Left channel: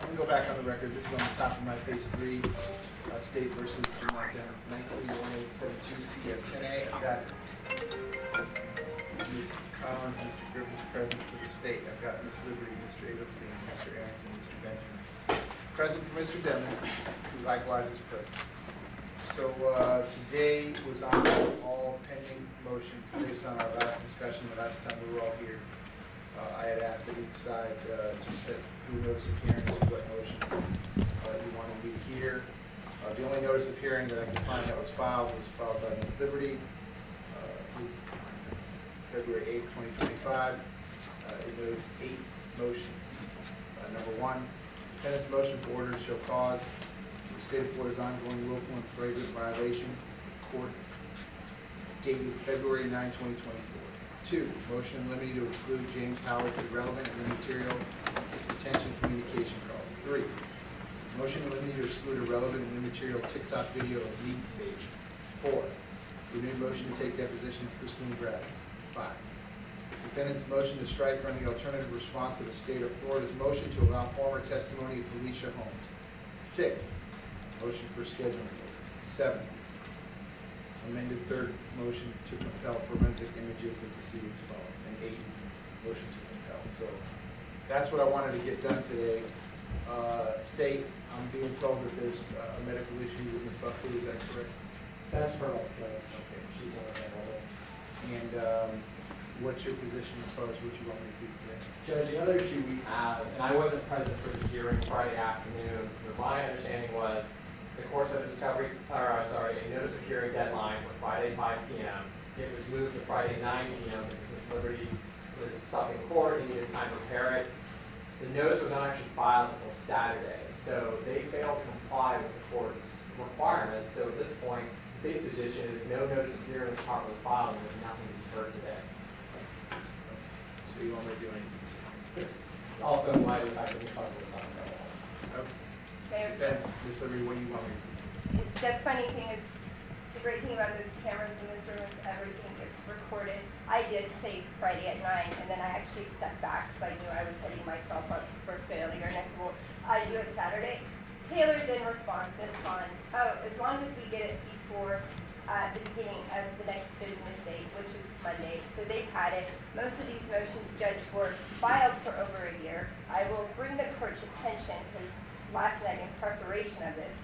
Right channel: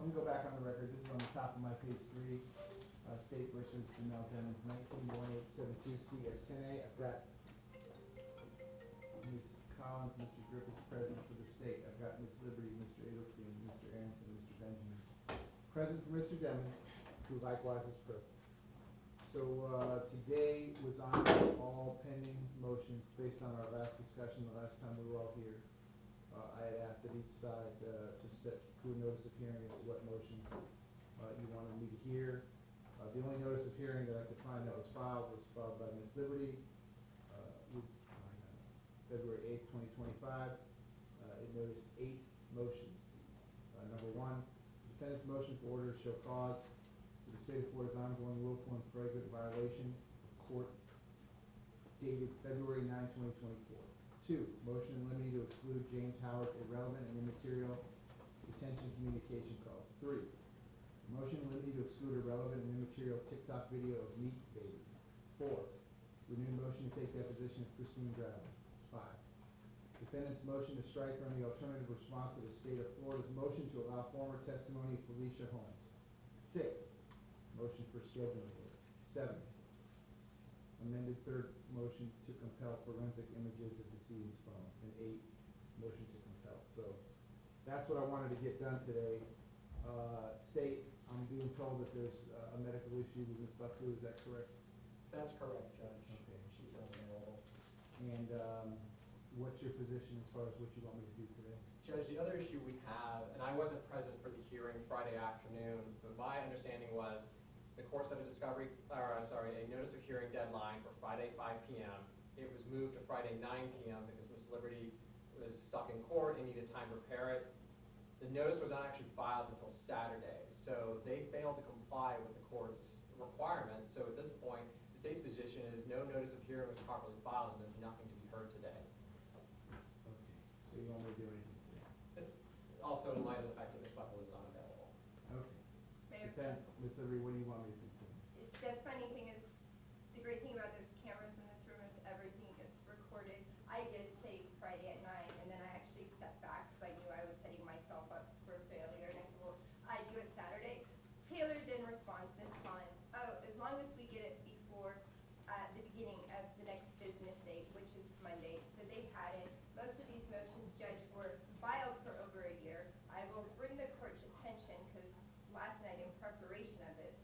let me go back on the record. This is on the top of my page 3, State versus Vermont. It's 191872 CF 10A. I've got Ms. Collins, Mr. Griffiths present for the state. I've got Ms. Liberty, Mr. Adelstein, Mr. Aronson, Mr. Benjamin. Present for Mr. Devlin, who likewise is present. So today was on all pending motions based on our last discussion the last time we were all here. I had asked that each side just do a notice of hearing as to what motions you want to read here. The only notice of hearing that I can find that was filed by Ms. Liberty, February 8th, 2025. It noticed 8 motions. Number 1, defendant's motion for order to show cause. The state of Florida's ongoing willful and flagrant violation of court dated February 9, 2024. 2, motion in limine to exclude James Howard for relevant and immaterial detention communication calls. 3, motion in limine to exclude a relevant and immaterial TikTok video of meat baby. 4, renewed motion to take deposition of Christine Bradley. 5, defendant's motion to strike from the alternative response to the state of Florida's motion to allow former testimony of Felicia Holmes. 6, motion for scheduling. 7, amended third motion to compel forensic images of proceedings following. And 8, motion to compel. So that's what I wanted to get done today. State, I'm being told that there's a medical issue with Ms. Buckley, is that correct? That's correct, Judge. Okay. She's unavailable. And what's your position as far as what you want me to do today? Judge, the other issue we have, and I wasn't present for the hearing Friday afternoon, but my understanding was the course of a notice of hearing deadline was Friday 5 p.m. It was moved to Friday 9 p.m. because Ms. Liberty was stuck in court and needed time to prepare it. The notice was not actually filed until Saturday, so they failed to comply with the court's requirements. So at this point, the state's position is no notice of hearing was properly filed and there's nothing to be heard today. So you want me to do anything? This also in light of the fact that Ms. Buckley was not available. Defense, Ms. Liberty, what do you want me to do? The funny thing is, the great thing about those cameras in this room is everything gets recorded. I did say Friday at 9, and then I actually stepped back because I knew I was setting myself up for failure. And I said, well, I do it Saturday. Taylor then responds, oh, as long as we get it before the beginning of the next business day, which is Monday. So they've had it. Most of these motions, Judge, were filed for over a year. I will bring the court's attention, because last night in preparation of this,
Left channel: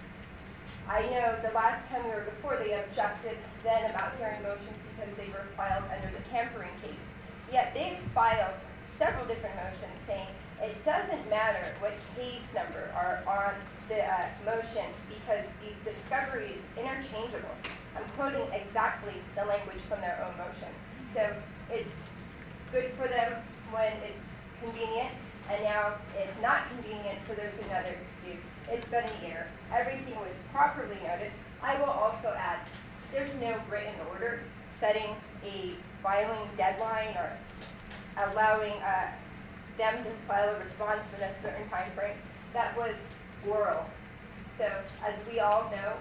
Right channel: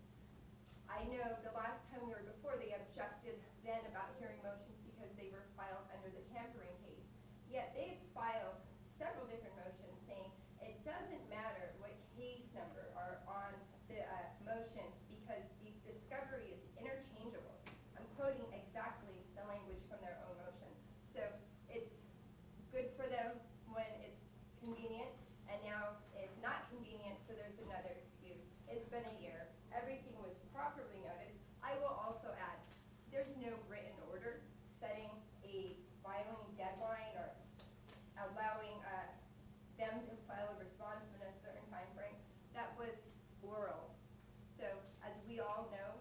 I know the last time we were before, they objected then about hearing motions because they were filed under the tampering case. Yet they've filed several different motions saying it doesn't matter what case number are on the motions because these discovery is interchangeable. I'm quoting exactly the language from their own motion. So it's good for them when it's convenient, and now it's not convenient, so there's another excuse. It's been a year. Everything was properly noticed. I will also add, there's no written order setting a filing deadline or allowing them to file a response within a certain time frame. That was oral. So as we all know,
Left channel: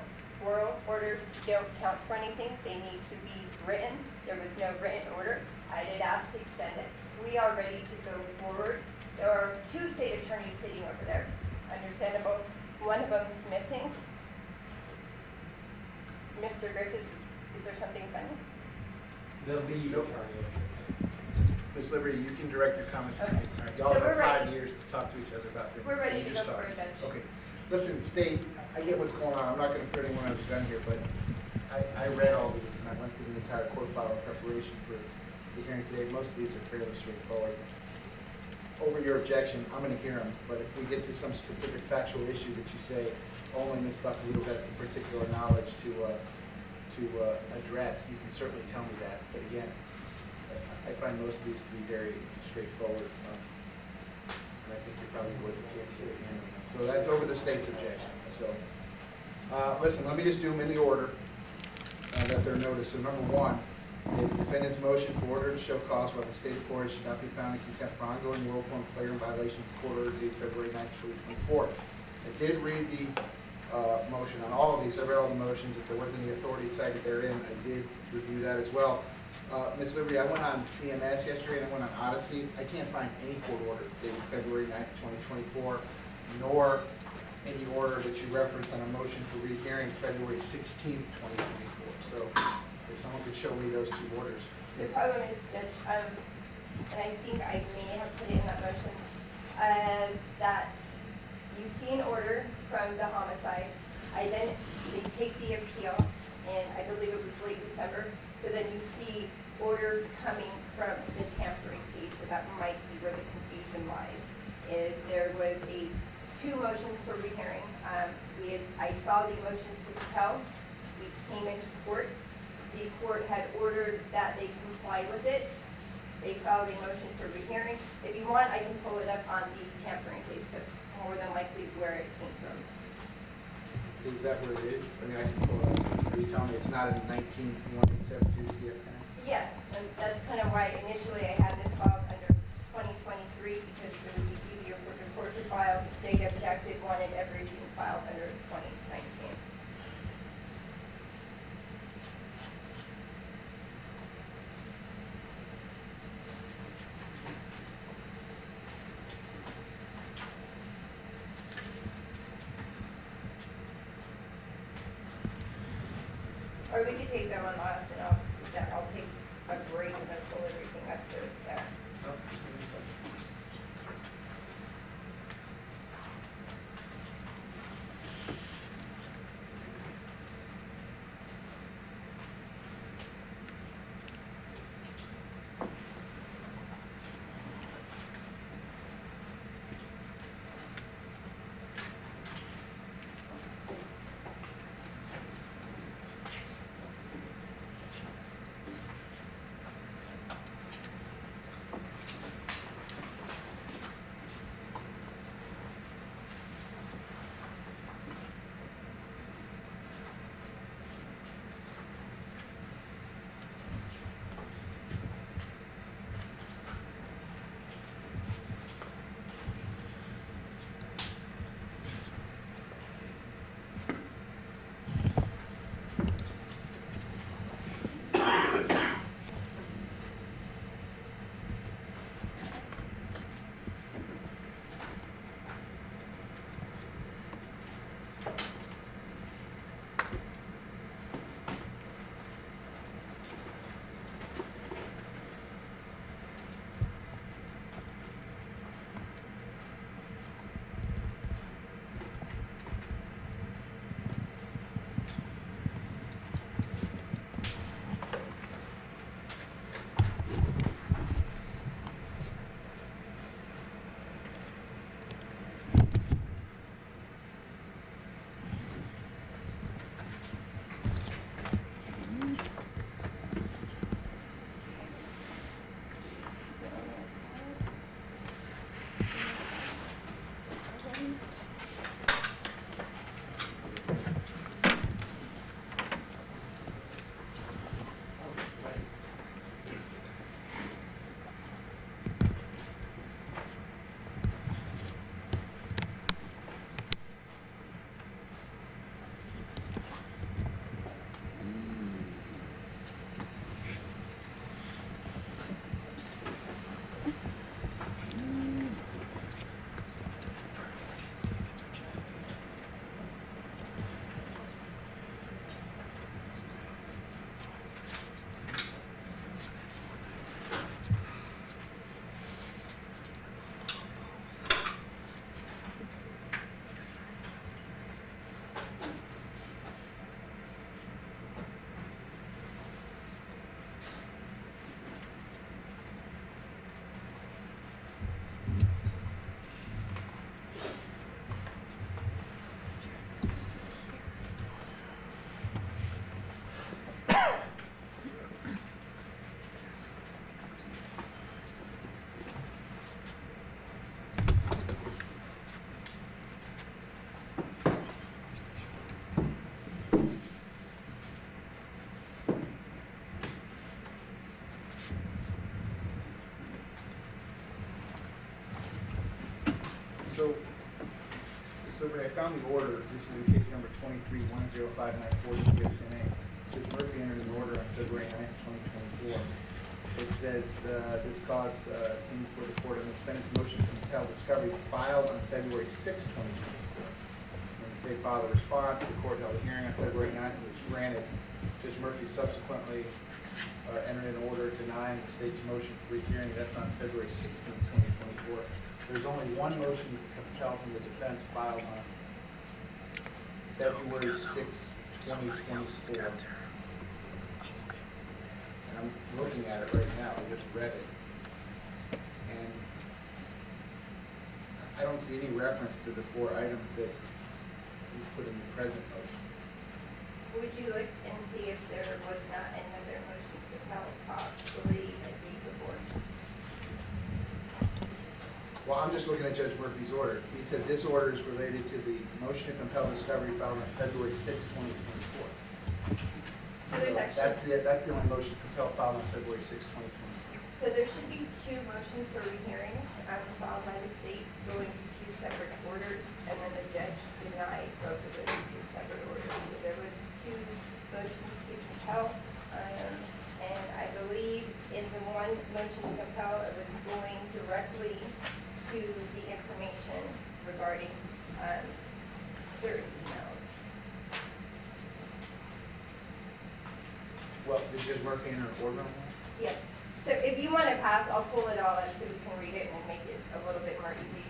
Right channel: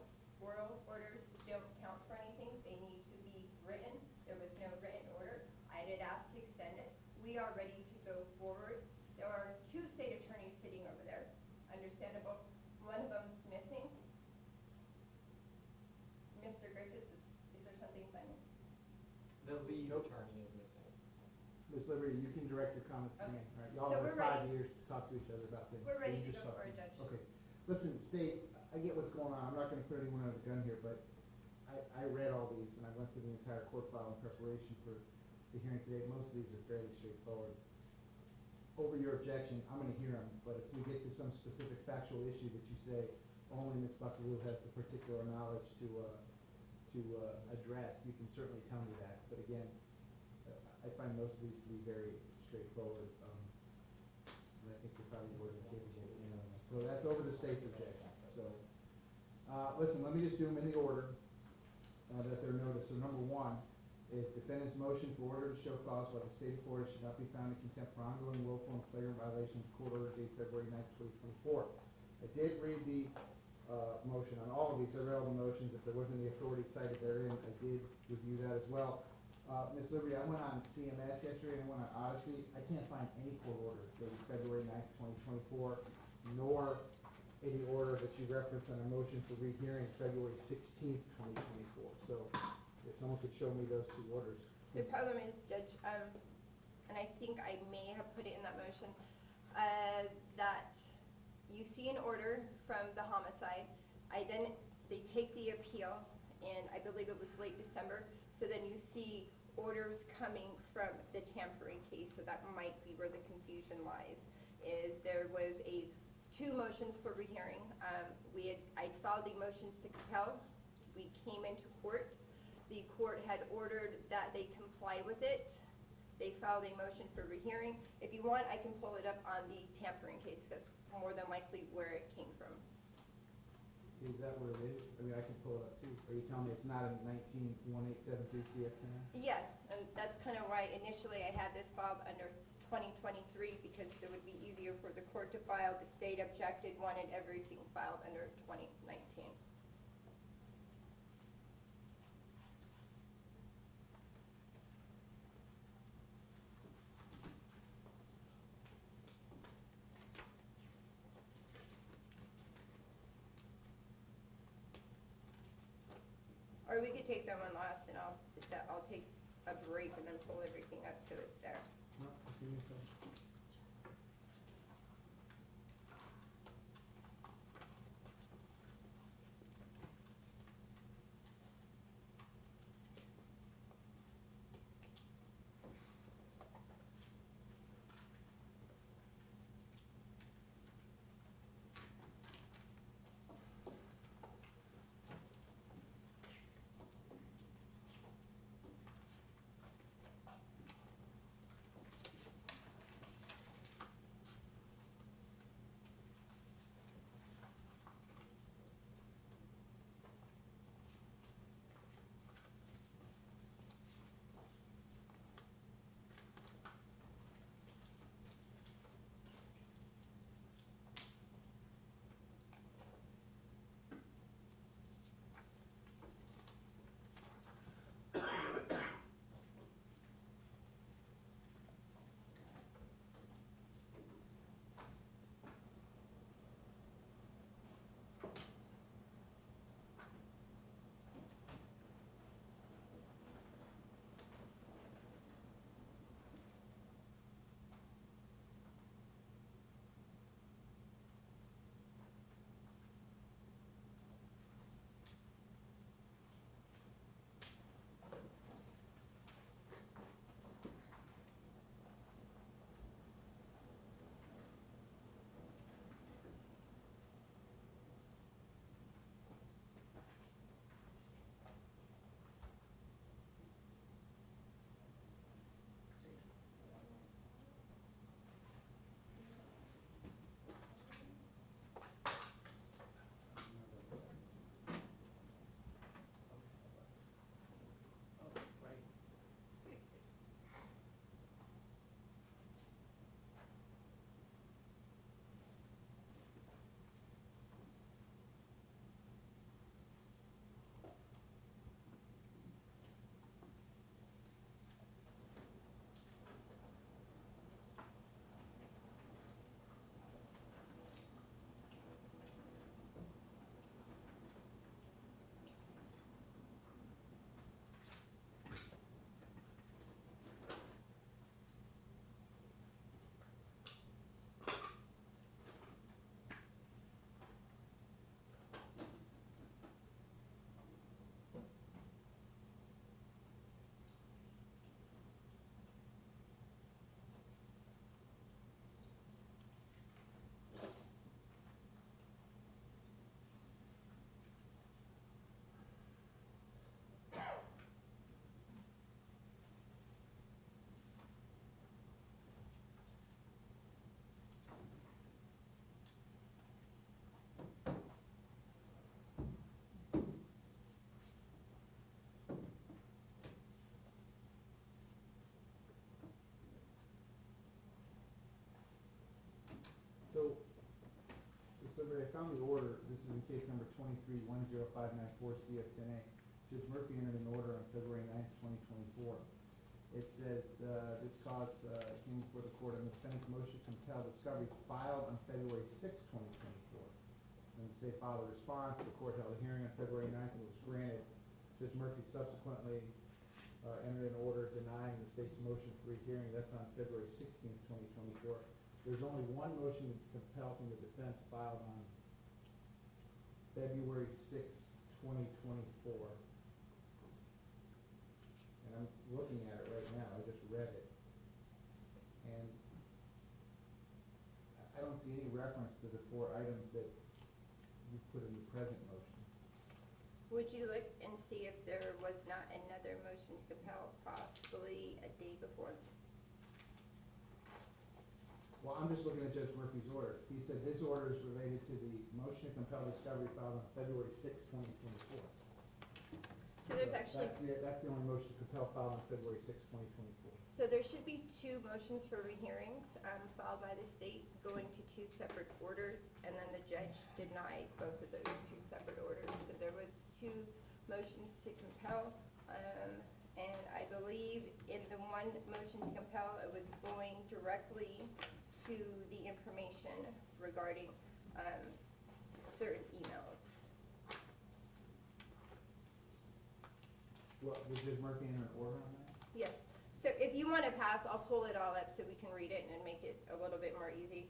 oral orders don't count for anything. They need to be written. There was no written order. I did ask to extend it. We are ready to go forward. There are 2 state attorneys sitting over there. Understandable. One of them is missing. Mr. Griffiths, is there something funny? The lead attorney is missing. Ms. Liberty, you can direct your comments. Okay. All right. Y'all So have we're 5 ready. years to talk to each other about this. We're So ready you to just go talk. for it, Judge. Okay. Listen, State, I get what's going on. I'm not going to put anyone else gun here, but I read all this and I went through the entire court file in preparation for the hearing today. Most of these are fairly straightforward. Over your objection, I'm going to hear them, but if we get to some specific factual issue that you say only Ms. Buckley has the particular knowledge to address, you can certainly tell me that. But again, I find most of these to be very straightforward, and I think you probably would get the end of them. So that's over the state's objection. So, listen, let me just do them in the order that they're noticed. So number 1 is defendant's motion for order to show cause while the state of Florida should not be found in contempt for ongoing willful and flagrant violation of court order dated February 9th, 2024. I did read the motion on all of these. I read all the motions. If there wasn't any authority cited therein, I did review that as well. Ms. Liberty, I went on CMS yesterday and I went on Odyssey. I can't find any court order dated February 9th, 2024 nor any order that you reference on a motion for rehearing February 16th, 2024. So if someone could show me those two orders. The problem is, Judge, and I think I may have put it in that motion, that you see an order from the homicide. They take the appeal, and I believe it was late December. So then you see orders coming from the tampering case, so that might be where the confusion lies. Is there was two motions for rehearing. I filed the motions to compel. We came into court. The court had ordered that they comply with it. They filed a motion for rehearing. If you want, I can pull it up on the tampering case, because more than likely where it came from. Is that where it is? I mean, I can pull it up. Are you telling me it's not in 19.172 CFN? Yeah, and that's kind of why initially I had this filed under 2023, because it would be easier for the court to file. The state objected, wanted everything filed under 2019. Or we could take them on last, and I'll take a break and then pull everything up so it's there. No, just give me a second. So I found the order. This is in case number 23-1059-46 NA. Judge Murphy entered an order on February 9th, 2024. It says this cause came before the court on the defendant's motion to compel discovery filed on February 6, 2024. When the state filed a response, the court held a hearing on February 9, which granted. Judge Murphy subsequently entered an order denying the state's motion for rehearing. That's on February 16, 2024. There's only one motion to compel from the defense filed on February 6, 2024. And I'm looking at it right now, I just read it. And I don't see any reference to the 4 items that you put in the present motion. Would you look and see if there was not another motion to compel possibly a day before? Well, I'm just looking at Judge Murphy's order. He said this order is related to the motion to compel discovery filed on February 6, 2024. So there's actually, That's the only motion to compel filed on February 6, 2024. so there should be 2 motions for rehearing, filed by the state, going to 2 separate orders, and then the judge denied both of those 2 separate orders. So there was 2 motions to compel, and I believe in the one motion to compel, it was going directly to the information regarding, certain emails. Well, did Judge Murphy enter an order on that? Yes, so if you want to pass, I'll pull it all up so we can read it and make it a little bit more easy.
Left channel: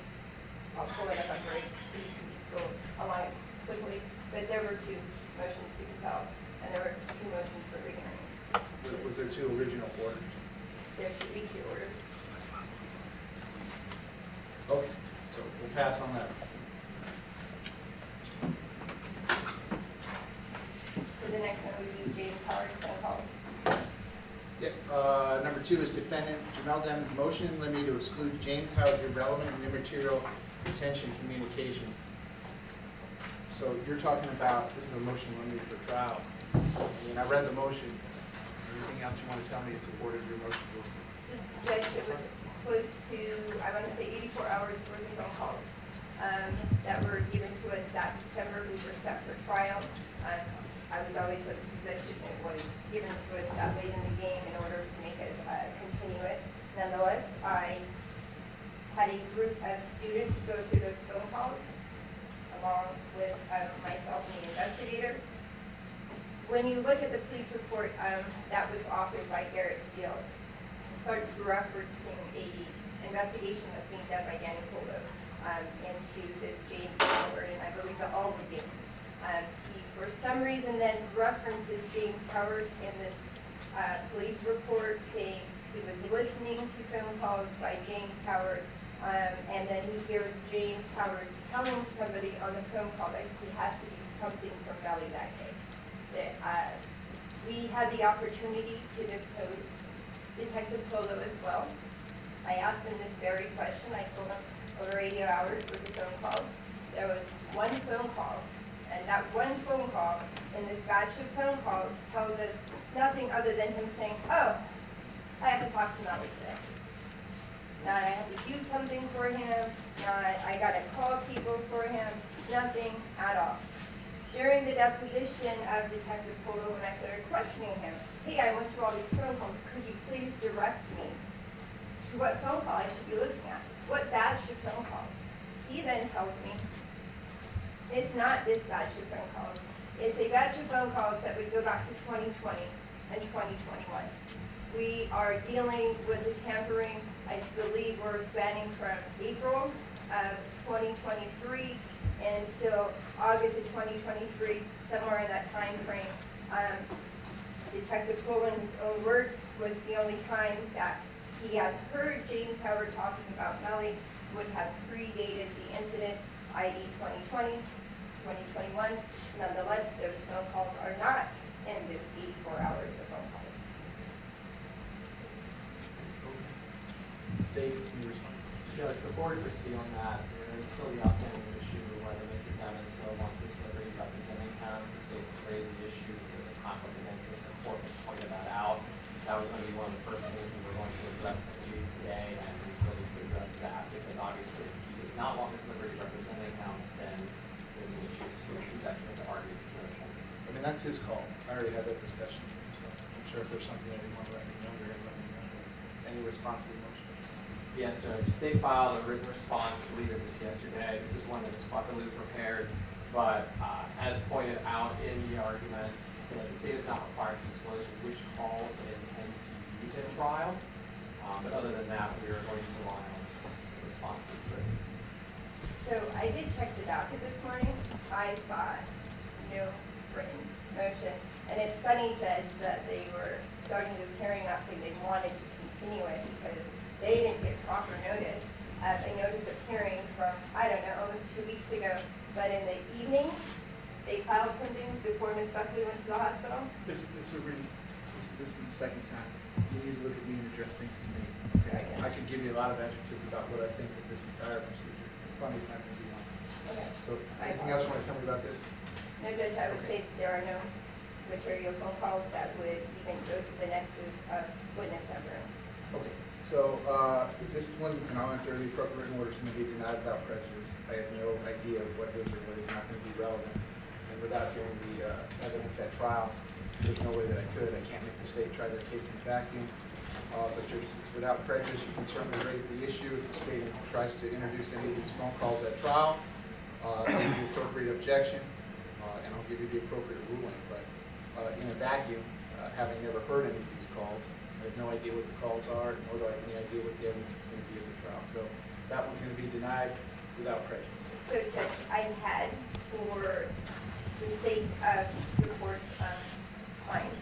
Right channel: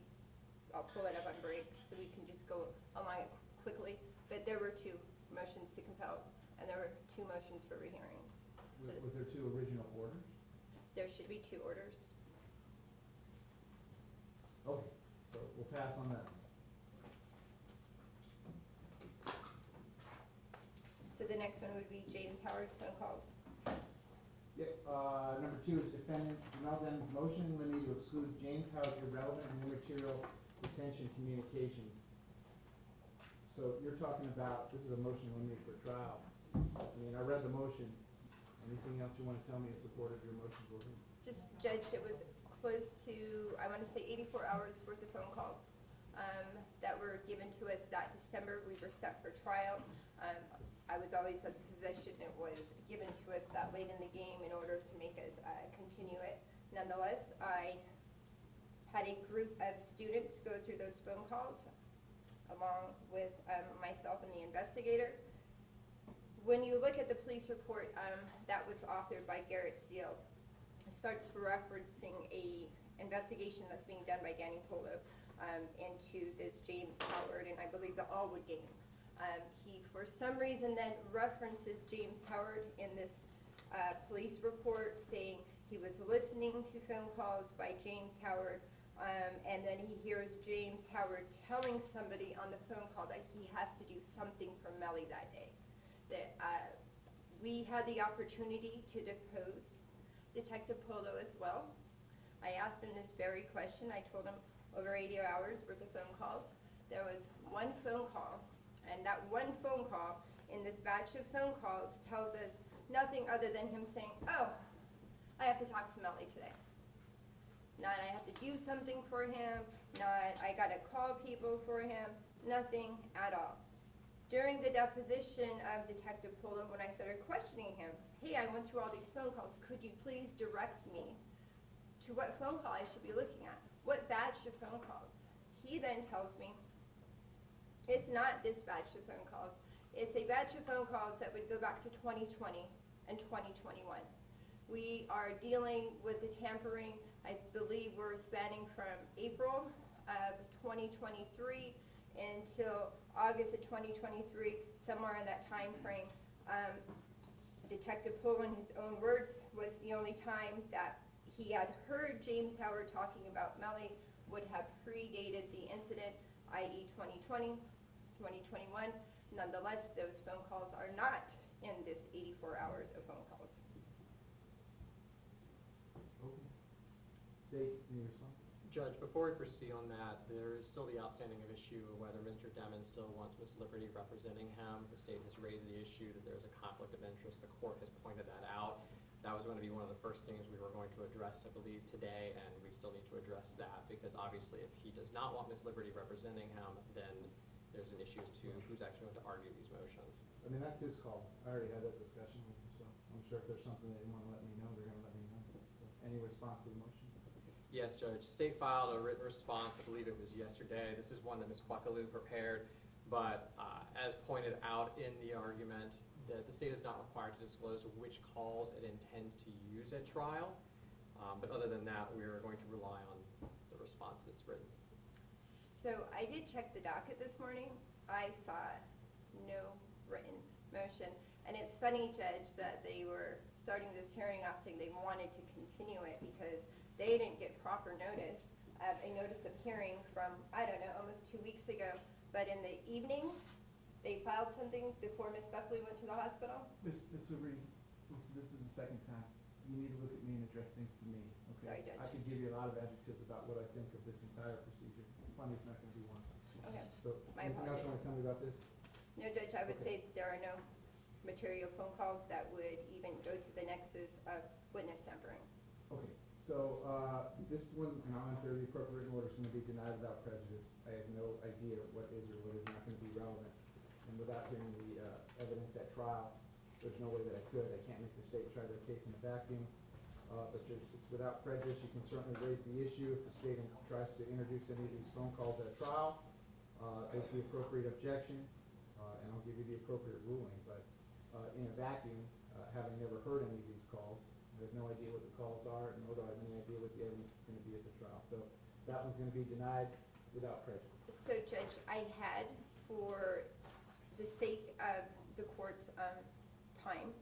I'll pull it up on break, so you can just go along it quickly. But there were 2 motions to compel, and there were 2 motions for rehearing. Was there 2 original orders? There should be 2 orders. Okay, so we'll pass on that. So the next one would be James Howard's phone calls. Yeah, number 2 is defendant Jamel Demon's motion in limine to exclude James Howard's irrelevant and immaterial detention communications. So you're talking about, this is a motion limited for trial. And I read the motion. Anything else you want to tell me in support of your motion? This judge, it was close to, I want to say 84 hours worth of phone calls that were given to us that December. We were set for trial. I was always of the position it was given to us that late in the game in order to make it continue it. Nonetheless, I had a group of students go through those phone calls along with myself and the investigator. When you look at the police report that was authored by Garrett Steele, it starts referencing a investigation that's being done by Danny Polo into this James Howard, and I believe the Alwood game. He, for some reason, then references James Howard in this police report, saying he was listening to phone calls by James Howard, and then he hears James Howard telling somebody on the phone call that he has to do something for Melly that day. We had the opportunity to depose Detective Polo as well. I asked him this very question. I told him over 80 hours worth of phone calls. There was one phone call, and that one phone call in this batch of phone calls tells us nothing other than him saying, oh, I have to talk to Melly today. Not I have to do something for him, not I gotta call people for him, nothing at all. During the deposition of Detective Polo, when I started questioning him, hey, I went through all these phone calls, could you please direct me to what phone call I should be looking at? What batch of phone calls? He then tells me, it's not this batch of phone calls. It's a batch of phone calls that would go back to 2020 and 2021. We are dealing with the tampering, I believe we're spanning from April of 2023 until August of 2023, somewhere in that time frame. Detective Polo, in his own words, was the only time that he had heard James Howard talking about Melly, would have predated the incident, i.e. 2020, 2021. Nonetheless, those phone calls are not in this 84 hours of phone calls. Dave, can you respond? Judge, before we proceed on that, there is still the outstanding issue of whether Mr. Demon still wants this liberty representing him. The state has raised the issue of the conflict of interest. The court has pointed that out. That was going to be one of the first things we were going to address today, and we still need to address that, because obviously if he does not want this liberty representing him, then there's an issue to executive with the argument. I mean, that's his call. I already had that discussion, so I'm sure if there's something that you want to let me know, you're going to let me know. Any response to the motion? Yes, Judge. the state filed a written response, I believe it was yesterday. This is one that was properly prepared, but as pointed out in the argument, the state is not required to disclose which calls it intends to use in trial. But other than that, we are going to rely on the responses. So I did check the docket this morning. I saw no written motion. And it's funny, Judge, that they were starting this hearing off saying they wanted to continue it because they didn't get proper notice. A notice of hearing from, I don't know, almost 2 weeks ago. But in the evening, they filed something before Ms. Buckley went to the hospital. This is the second time. You need to look at me and address things to me. Very good. I could give you a lot of adjectives about what I think of this entire procedure. Funny's not going to be one. Okay. So, anything else you want to tell me about this? No, Judge, I would say there are no material phone calls that would even go to the nexus of witness number. Okay, so, this is one, and I'll enter the appropriate order to be denied without prejudice. I have no idea of what is or what is not going to be relevant. And without hearing the evidence at trial, there's no way that I could. I can't make the state try their case in vacuum. But just without prejudice, you can certainly raise the issue. If the state tries to introduce any of these phone calls at trial, give the appropriate objection, and I'll give you the appropriate ruling. But in a vacuum, having never heard any of these calls, I have no idea what the calls are, nor do I have any idea what the evidence is going to be at the trial. So that one's going to be denied without prejudice. So, Judge, I had for the state of the court client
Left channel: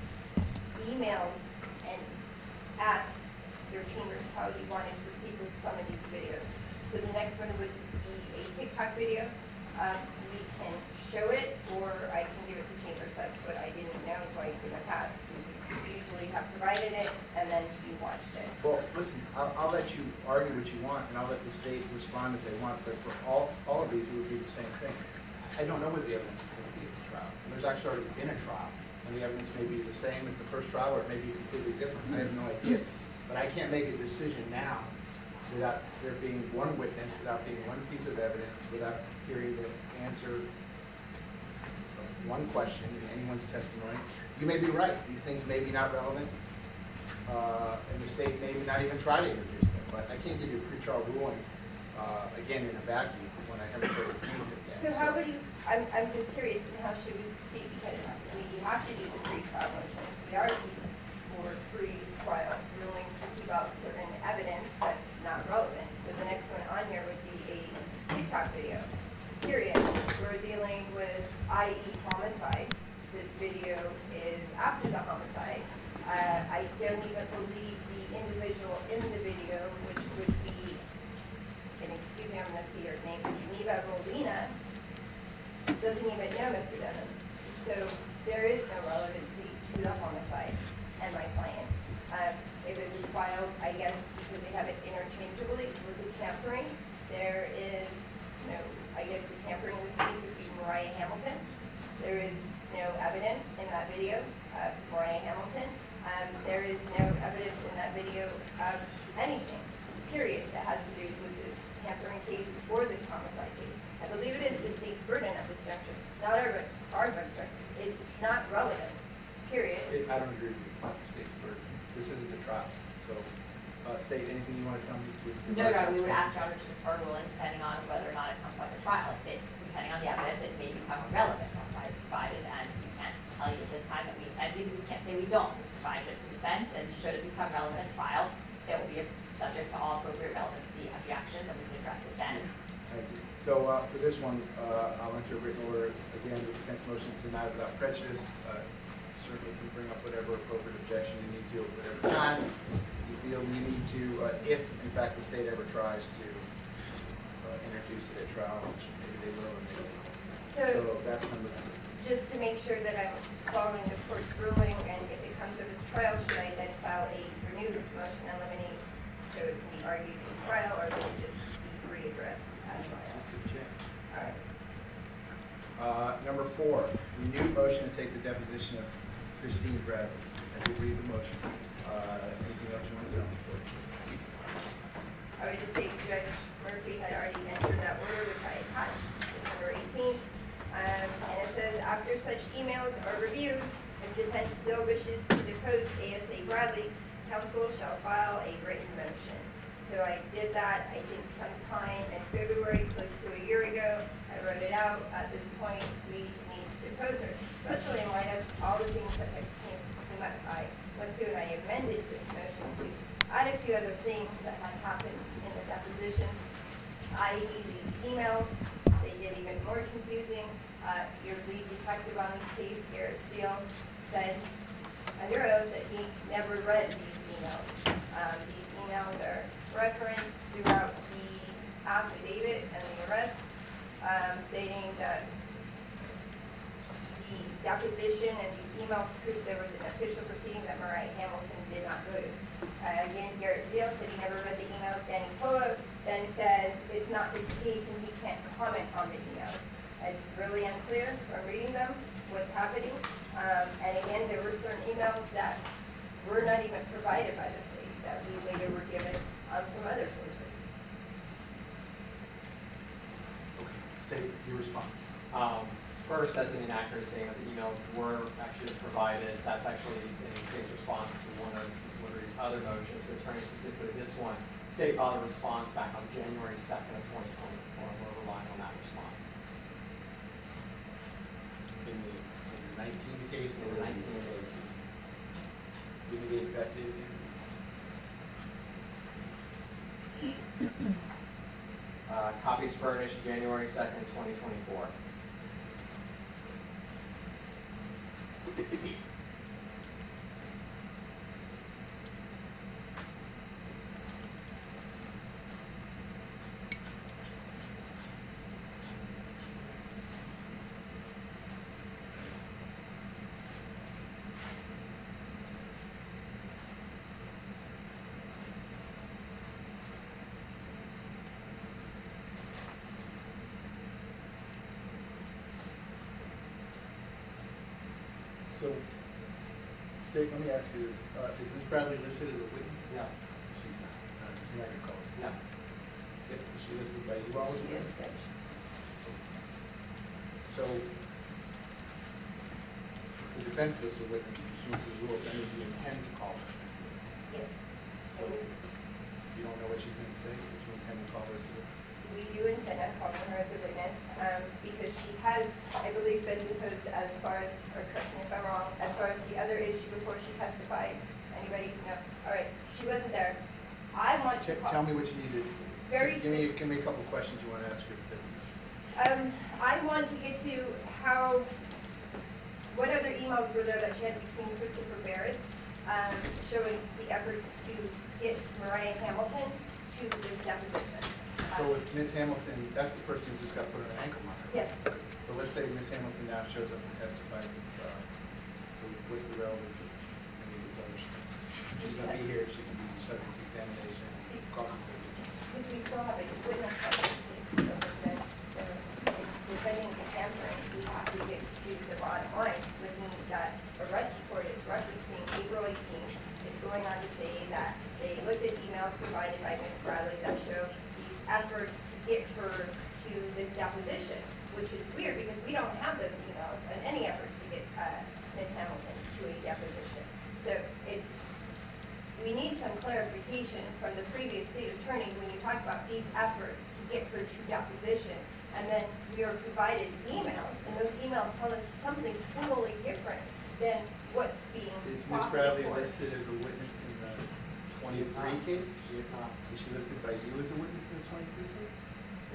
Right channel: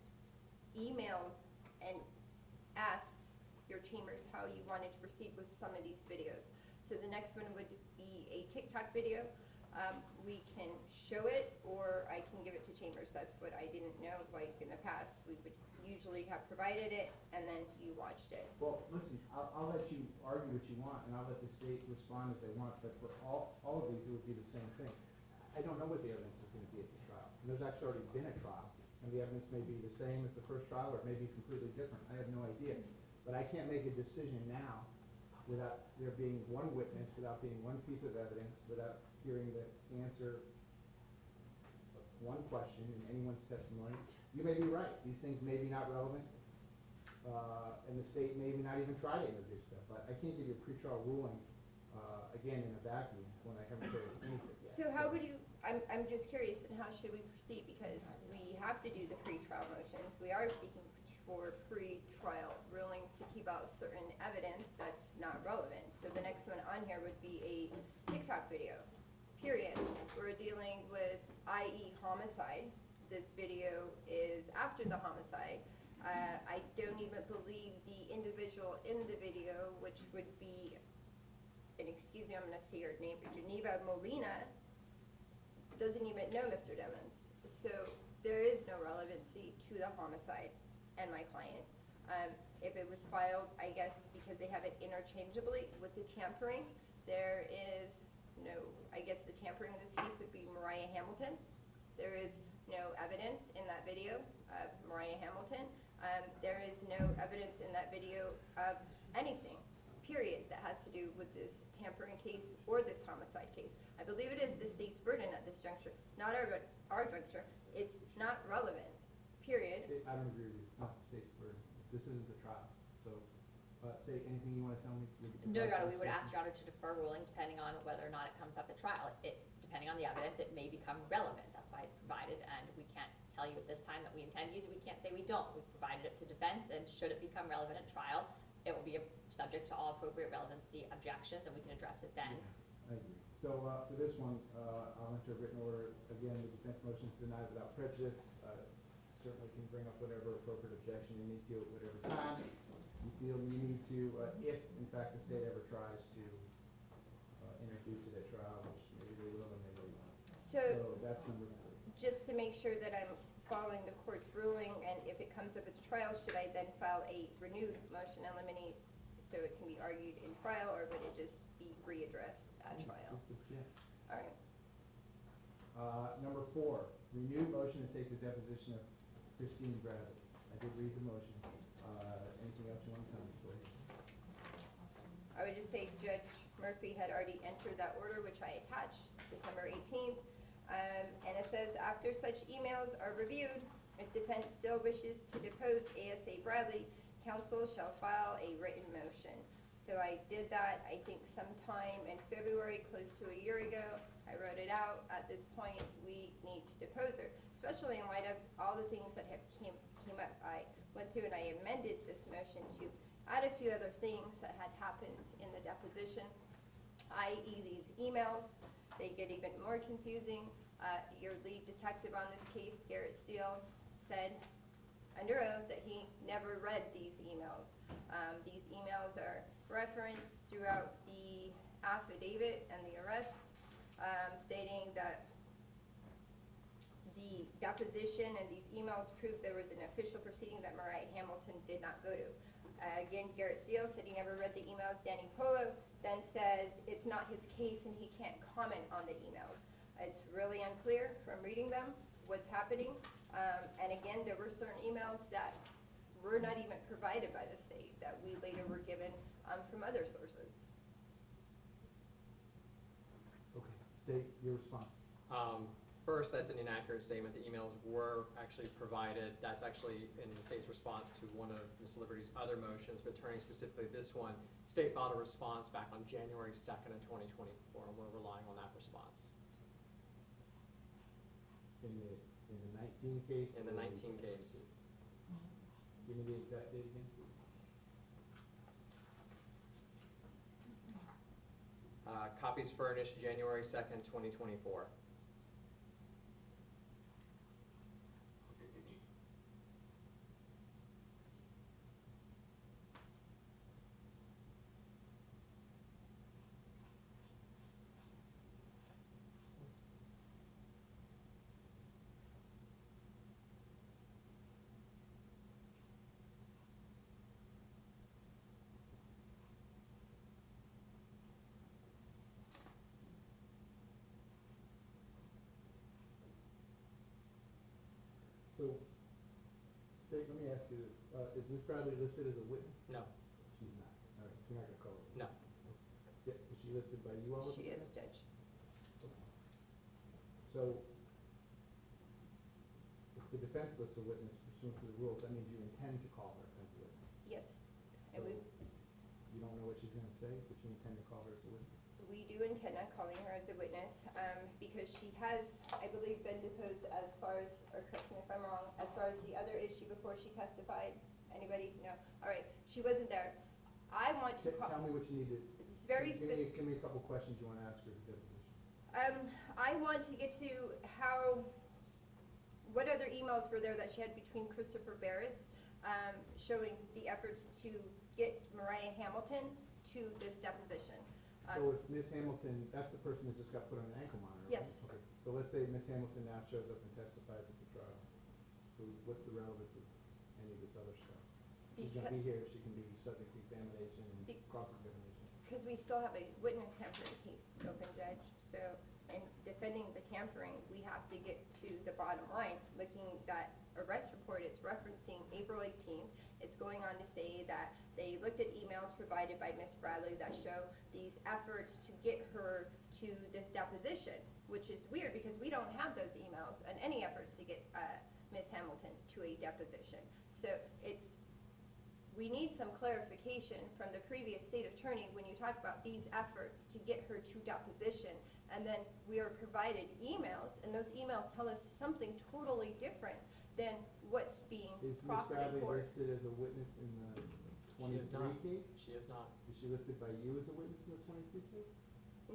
emailed and asked your chambers how you wanted to proceed with some of these videos. So the next one would be a TikTok video. We can show it, or I can give it to chambers. That's what I didn't know like in the past. We usually have provided it, and then you watched it. Well, listen, I'll let you argue what you want, and I'll let the state respond if they want, but for all of these, it would be the same thing. I don't know what the evidence is going to be at the trial. There's actually already been a trial, and the evidence may be the same as the first trial, or it may be completely different. I have no idea. But I can't make a decision now without there being one witness, without being one piece of evidence, without hearing the answer of one question in anyone's testimony. You may be right. These things may be not relevant. And the state may not even try to introduce them, but I can't give you a pretrial ruling, again, in a vacuum when I haven't heard anything yet. So how would you, I'm just curious, how should we proceed? Because we have to do the pre-trial motions. We are seeking for pre-trial rulings to keep out certain evidence that's not relevant. So the next one on here would be a TikTok video, period. We're dealing with, i.e. homicide. This video is after the homicide. I don't even believe the individual in the video, which would be, and excuse me, I'm going to see her name, Geneva Molina, doesn't even know Mr. Dennis. So there is no relevancy to the homicide and my client. If it was filed, I guess, because they have it interchangeably with the tampering, there is no, I guess the tampering in this case would be Mariah Hamilton. There is no evidence in that video of Mariah Hamilton. There is no evidence in that video of anything, period, that has to do with this tampering case or this homicide case. I believe it is the state's burden at this juncture, not our juncture. It's not relevant, period. I don't agree with you. It's not the state's burden. This isn't the trial. So, state, anything you want to tell me? No, we would ask Dr. to defer ruling depending on whether or not it comes up at trial. Depending on the evidence, it may become irrelevant once I provide it, and we can't tell you at this time that and we can't say we don't. We provide it to defense, and should it become relevant at trial, it will be subject to all appropriate relevancy objections, and we can address it then. Thank you. So, for this one, I'll enter a written order. Again, the defense motion is denied without prejudice. Certainly can bring up whatever appropriate objection you need to at whatever time you feel you need to, if in fact the state ever tries to introduce it at trial, which maybe they will or maybe they won't. So that's number two. Just to make sure that I'm following the court's ruling, and if it comes up at trial, should I then file a renewed motion in limine so it can be argued in trial, or will it just be readdressed at trial? Just a check. All right. Number four, renewed motion to take the deposition of Christine Bradley. I did read the motion. Anything else you want to tell me? I would just say Judge Murphy had already entered that order, which I had December 18th. And it says, after such emails are reviewed, if defense still wishes to depose ASA Bradley, counsel shall file a written motion. So I did that. I email proof there was an official proceeding that Mariah Hamilton did not go to. Again, Garrett Steele said he never read the emails. Danny Polo then says it's not his case and he can't comment on the emails. It's really unclear from reading them what's happening. And again, there were certain emails that were not even provided by the city, that we later were given from other sources. State your response. First, that's an inaccurate statement. The emails were actually provided. That's actually in the state's response to one of Ms. Liberty's other motions, returning specifically this one. The state filed a response back on January 2nd of 2024, and we're relying on that response. In the 19 days In the 19 days. give me the exact date. Copies furnished January 2nd, 2024. So, State, let me ask you this, is Ms. Bradley listed as a witness? No. She's not, it's not your call. No. Yeah, is she listed by you all as a She is, witness? Judge. So, the defense lists a witness, presumably will, and if you intend to call her as a witness. Yes. So, you don't know what she's going to say, but you intend to call her as a witness? We do intend on calling her as a witness, because she has, I believe, been deposed as far as, or correct me if I'm wrong, as far as the other issue before she testified. Anybody? No. All right, she wasn't there. I want to Tell call. me what you need to, Very give me a couple of questions you want to ask her. I want to get to how, what other emails were there that she had between Christopher Barris, showing the efforts to get Mariah Hamilton to this deposition. So with Ms. Hamilton, that's the person who just got put on an ankle monitor. Yes. So let's say Ms. Hamilton now shows up and testifies, what's the relevance of any of these others? She's gonna be here, she can be subject to examination, cross-examination. If we still have a witness, depending on tampering, we have to get to the bottom line, which means that the arrest report is referencing April 18th. It's going on to say that they looked at emails provided by Ms. Bradley that show these efforts to get her to this deposition, which is weird because we don't have those emails and any efforts to get Ms. Hamilton to a deposition. So we need some clarification from the previous state attorney when you talk about these efforts to get her to deposition, and then you're provided emails, and those emails tell us something totally different than what's being Is Ms. brought Bradley before. listed as a witness in the 23 case? She is not. Is she listed by you as a witness in the 23 case?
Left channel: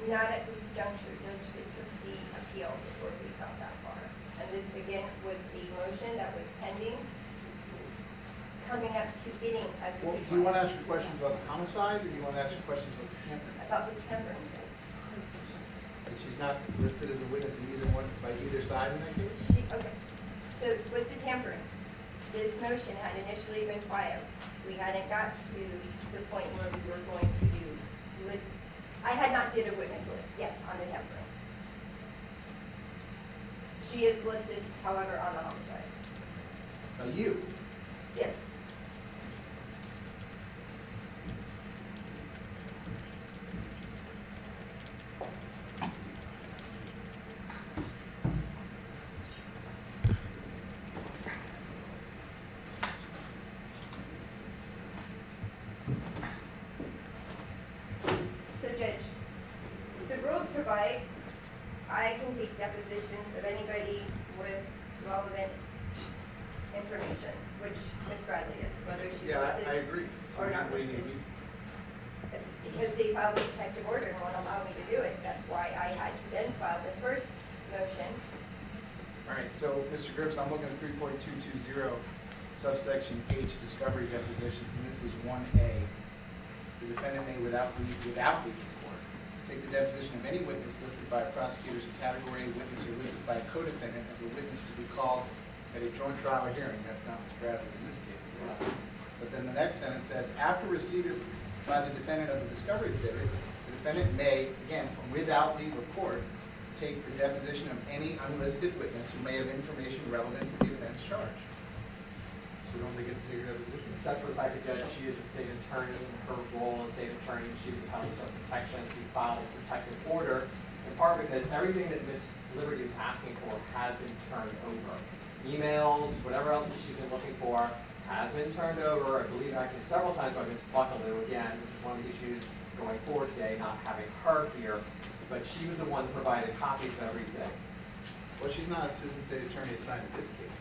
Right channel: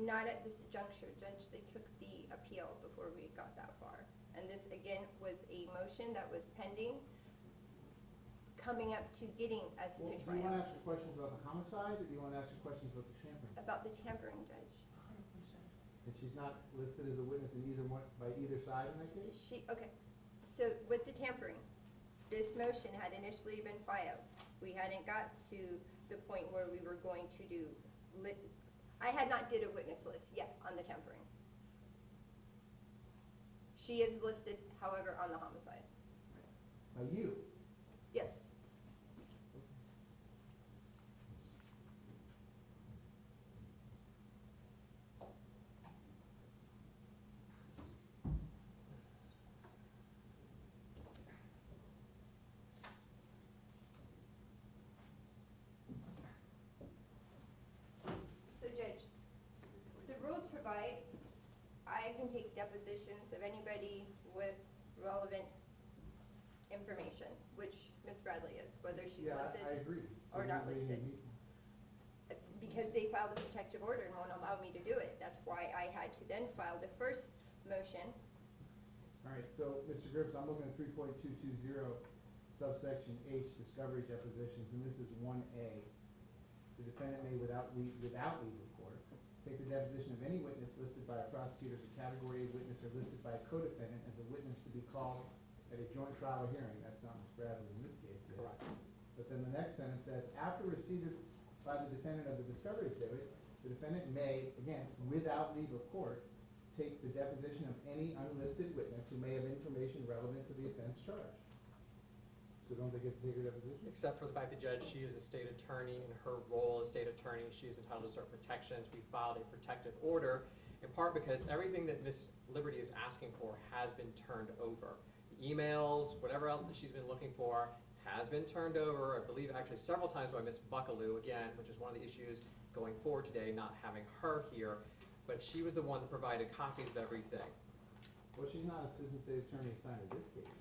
Not at this juncture, Judge, they took the appeal before we got that far. And this, again, was a motion that was pending, coming up to getting a Well, city. do you want to ask her questions about the homicide, or do you want to ask her questions about the tampering? About the tampering thing. And she's not listed as a witness in either one, by either side in that case? Okay, so with the tampering, this motion had initially been filed. We hadn't got to the point where we were going to do, I had not did a witness list yet on the tampering. She is listed, however, on the homicide. Now, you, Yes. So Judge, the rules provide, I can take depositions of anybody with relevant information, which Ms. Bradley is, whether she's yeah, listed. I agree. So Or not what do you listed. need? Because they filed a protective order and won't allow me to do it, that's why I had to then file the first motion. All right, so, Mr. Gibbs, I'm looking at 3.220, subsection H, discovery depositions, and this is 1A. The defendant may, without leave of court, take the deposition of any witness listed by a prosecutor's category of witness or listed by a co-defendant as a witness to be called at a joint trial or hearing, that's not what's drafted in this case. But then the next sentence says, after receipt by the defendant of the discovery exhibit, the defendant may, again, without leave of court, take the deposition of any unlisted witness who may have information relevant to the offense charge. So don't they get to take your deposition? Except for the fact that Judge, she is a state attorney, in her role as state attorney, she is entitled to some protection. She filed a protective order, in part because everything that Ms. Liberty is asking for has been turned over. Emails, whatever else that she's been looking for, has been turned over, I believe actually several times by Ms. Buckaloo, again, which is one of the issues going forward today, not having her here, but she was the one that provided copies of everything. Well, she's not an assistant state attorney assigned to this case.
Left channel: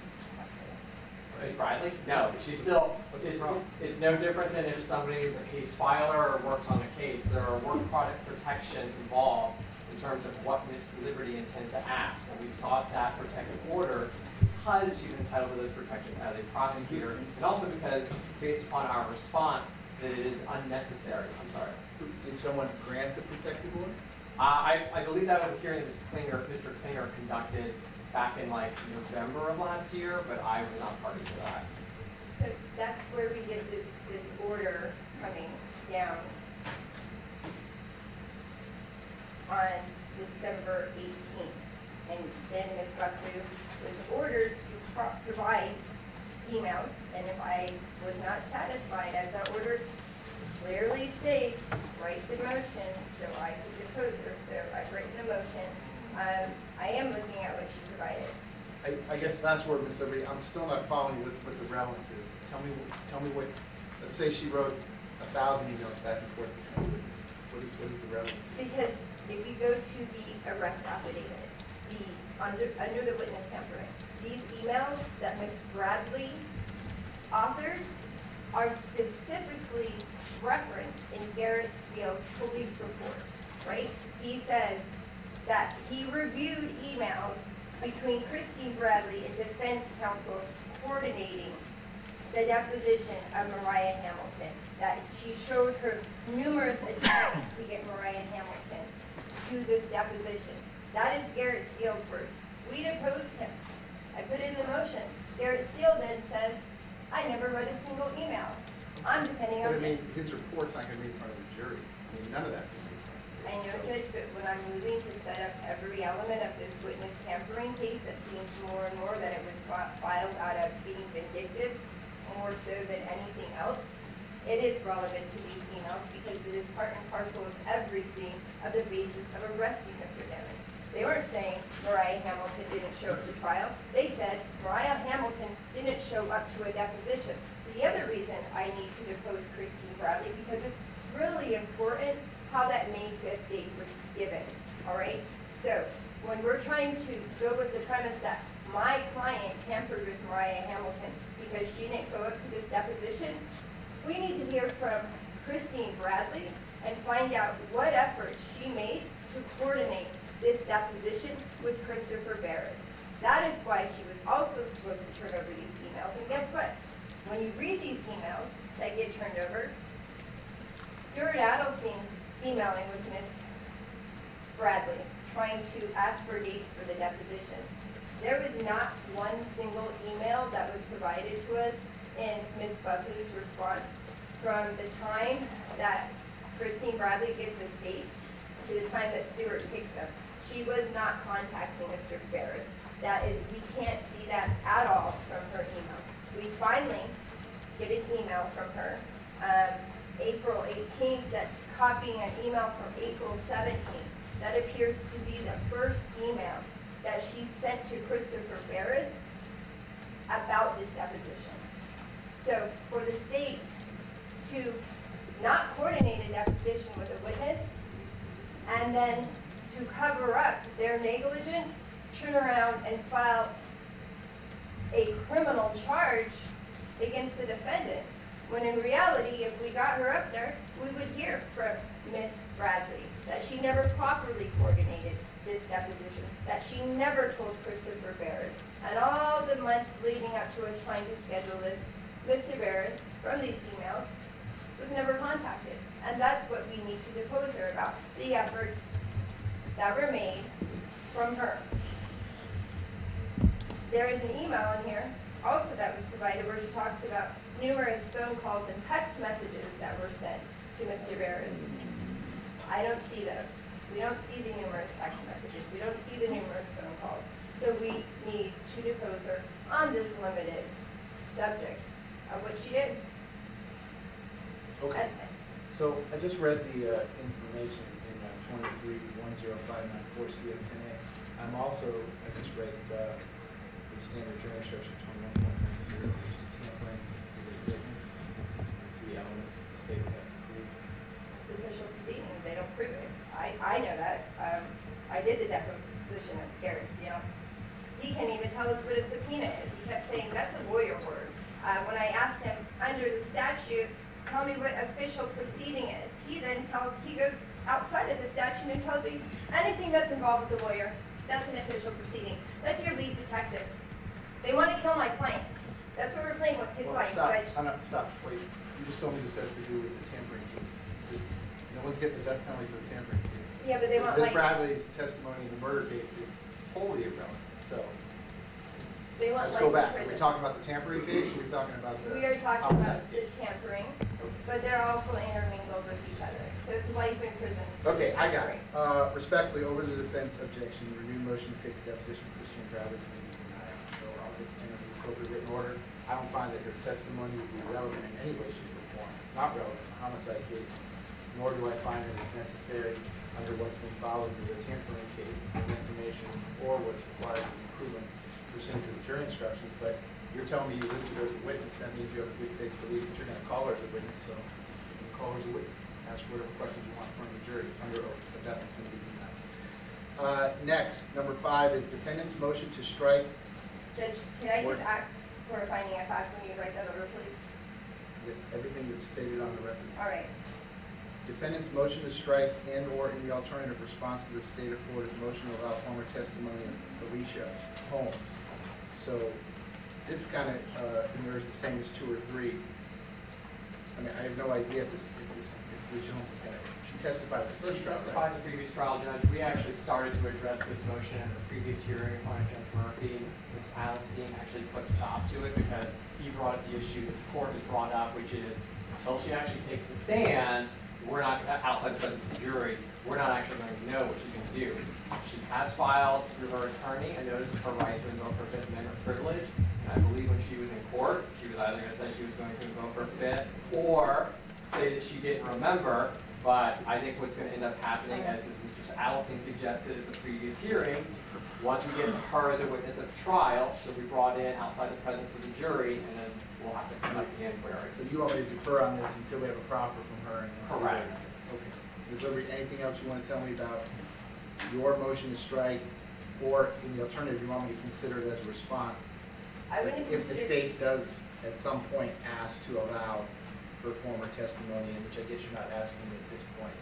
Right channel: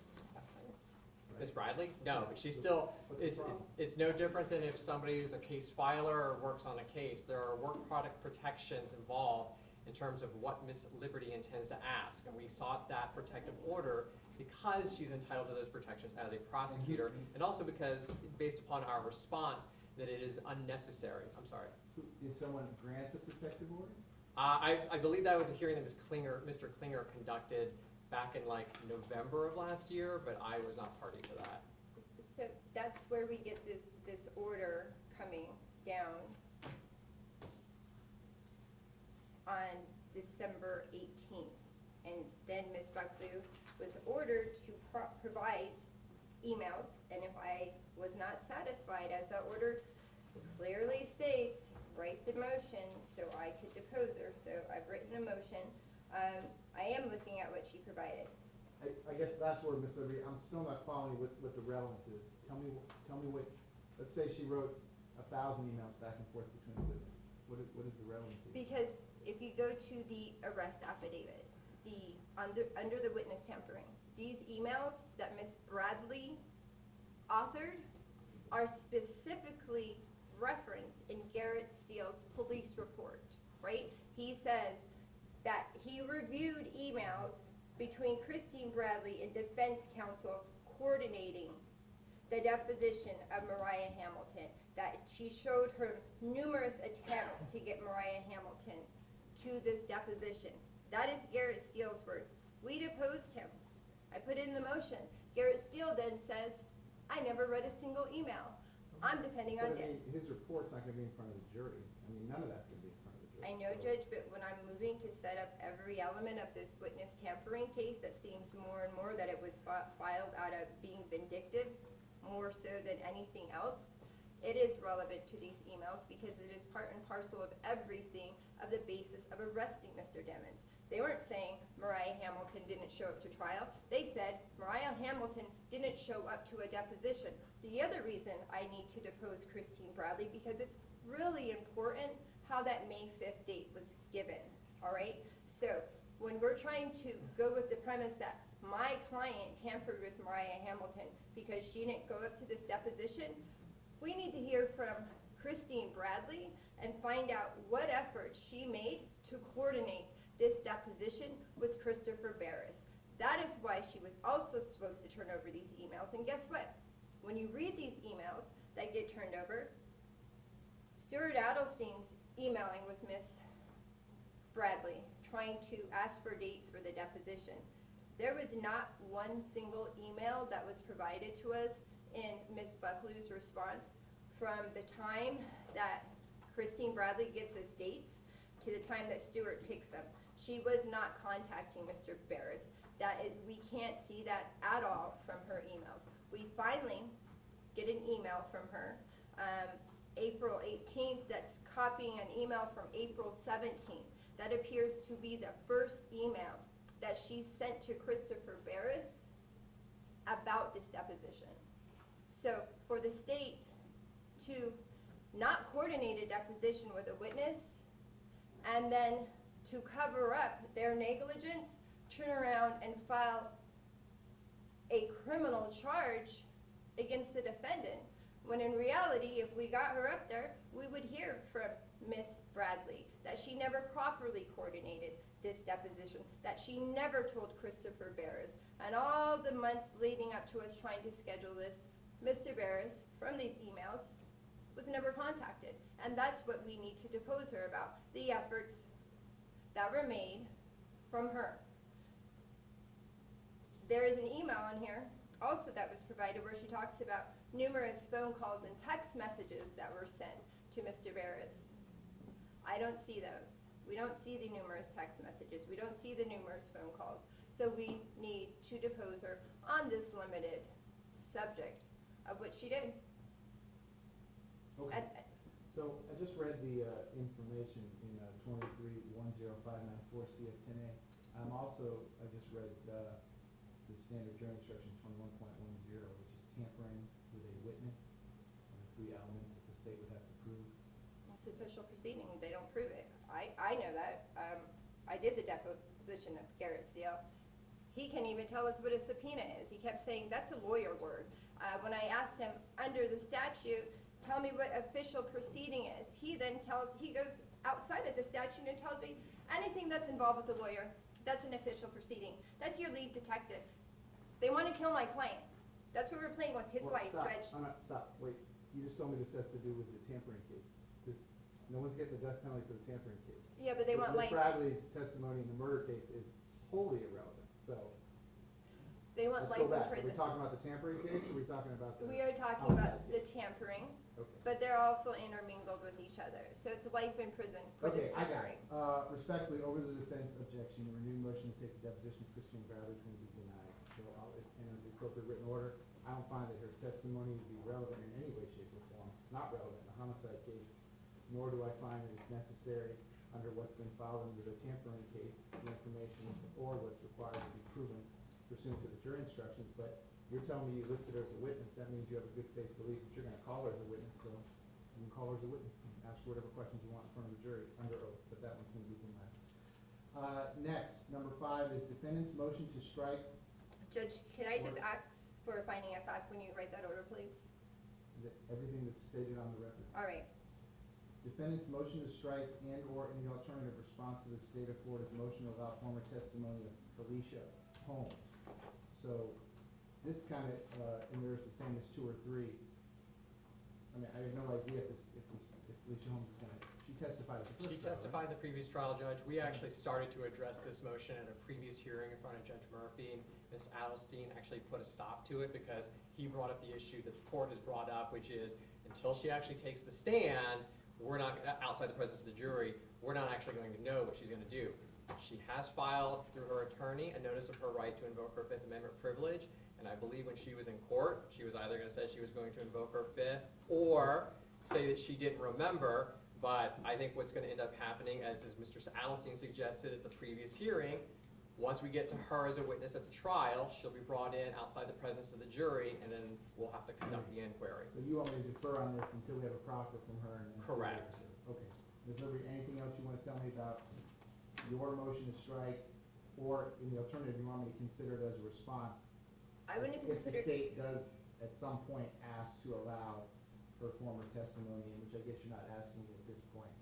Ms. Bradley? No, she's still, What's the it's, problem? it's no different than if somebody is a case filer or works on a case. There are work product protections involved in terms of what Ms. Liberty intends to ask. And we sought that protective order because she's entitled to those protections as a prosecutor, and also because, based upon our response, that it is unnecessary. I'm sorry. Did someone grant the protective order? I believe that was a hearing that Mr. Klinger conducted back in like November of last year, but I was not party to that. So that's where we get this order coming down on December 18th. And then Ms. Buckley was ordered to provide emails, and if I was not satisfied, as our order clearly states, write the motion so I could depose her. So I've written the motion. I am looking at what she provided. I guess last word, Ms. Liberty, I'm still not following what the relevance is. Tell me what, let's say she wrote 1,000 emails back and forth between witnesses. What is the relevance? Because if you go to the arrest affidavit, under the witness tampering, these emails that Ms. Bradley authored are specifically referenced in Garrett Steele's police report, right? He says that he reviewed emails between Christine Bradley and defense counsel coordinating the deposition of Mariah Hamilton, that she showed her numerous attempts to get Mariah Hamilton to this deposition. That is Garrett Steele's words. We deposed him. I put it in the motion. Garrett Steele then says, I never read a single email. I'm depending on him. His report's not going to be in front of the jury. None of that's going to be in front of the jury. I know, Judge, but when I'm moving to set up every element of this witness tampering case, it seems more and more that it was filed out of being vindictive, more so than anything else. It is relevant to these emails because it is part and parcel of everything of the basis of arresting Mr. Devins. They weren't saying Mariah Hamilton didn't show up to trial. They said Mariah Hamilton didn't show up to a deposition. The other reason I need to depose Christine Bradley, because it's really important how that May 5th date was given, all right? So when we're trying to go with the premise that my client tampered with Mariah Hamilton because she didn't go up to this deposition, we need to hear from Christine Bradley and find out what efforts she made to coordinate this deposition with Christopher Barris. That is why she was also supposed to turn over these emails. And guess what? When you read these emails that get turned over, Stuart Adelstein's emailing with Ms. Bradley, trying to ask for dates for the deposition. There was not one single email that was provided to us in Ms. Buckley's response from the time that Christine Bradley gives us dates to the time that Stuart picks them. She was not contacting Mr. Barris. That is, we can't see that at all from her emails. We finally get an email from her, April 18th, that's copying an email from April 17th. That appears to be the first email that she sent to Christopher Barris about this deposition. So for the state to not coordinate a deposition with a witness and then to cover up their negligence, turn around and file a criminal charge against the defendant, when in reality, if we got her up there, we would hear from Ms. Bradley that she never properly coordinated this deposition, that she never told Christopher Barris, and all the months leading up to us trying to schedule this, Mr. Barris, from these emails, was never contacted. And that's what we need to depose her about, the efforts that were made from her. There is an email in here So I just read the information in 23-10594 CO10A. I'm also, I just read the standard jury instruction 21.10, which is tampering with a witness. The elements that the state would have to prove. It's official proceeding, they don't prove it. I know that. I did the deposition of Harris, you know. He can't even tell us what a subpoena is. He kept saying, that's a lawyer word. When I asked him, under the statute, tell me what official proceeding is. He then he goes outside of the statute and tells me anything that's involved with the lawyer, that's an official proceeding. That's your lead detective. They want to kill my client. That's what we're playing with his Well, life, stop, Judge. stop, wait. You just told me this has to do with the tampering case. No one's getting the death penalty for the tampering case. Yeah, but they want Ms. like, Bradley's testimony in the murder case is wholly irrelevant, so. they want Let's like go back. Are prison. we talking about the tampering case, or are we talking about the We are talking homicide about the case? tampering, but they're also intermingled with each other. So it's life in prison. for Okay, the I got it. tampering. Respectfully, over the defense objection, the renewed motion to take the deposition of Christian Travis and deny it. So I'll entertain the appropriate written order. I don't find that her testimony would be relevant in any way, shape, or form. It's not relevant in a homicide case, nor do I find that it's necessary under what's been followed in the tampering case, information or what's required for improvement pursuant to the jury instructions. But you're telling me you listed her as a witness, that means you have a good faith belief that you're gonna call her as a witness, so you can call her as a witness. Ask whatever questions you want from the jury under oath, but that one's gonna be denied. Next, number 5 is defendant's motion to strike. Judge, can I just ask for a finding of fact when you write that over, please? Everything that's stated on the record. All right. Defendant's motion to strike and/or in the alternative response to the state of Florida's motion to allow former testimony of Felicia Holmes. So this kind of mirrors the same as 2 or 3. I mean, I have no idea if Felicia Holmes is going to, she testified at the first She trial, testified right? in the previous trial, Judge. We actually started to address this motion at the previous hearing by Judge Murphy. Ms. Adelstein actually put a stop to it because he brought up the issue that the court has brought up, which is until she actually takes the stand, we're not, outside the presence of the jury, we're not actually going to know what she's going to do. She has filed through her attorney a notice of her right to invoke her Fifth Amendment privilege. And I believe when she was in court, she was either going to say she was going to invoke her Fifth or say that she didn't remember. But I think what's going to end up happening, as Mr. Adelstein suggested at the previous hearing, once we get to her as a witness at the trial, she'll be brought in outside the presence of the jury, and then we'll have to conduct the inquiry. So you want me to defer on this until we have a proffer from her? And Correct. Okay. Is there anything else you want to tell me about your motion to strike, or in the alternative, you want me to consider it as a response? I wouldn't If the consider, state does at some point ask to allow her former testimony, which I guess you're not asking at this point.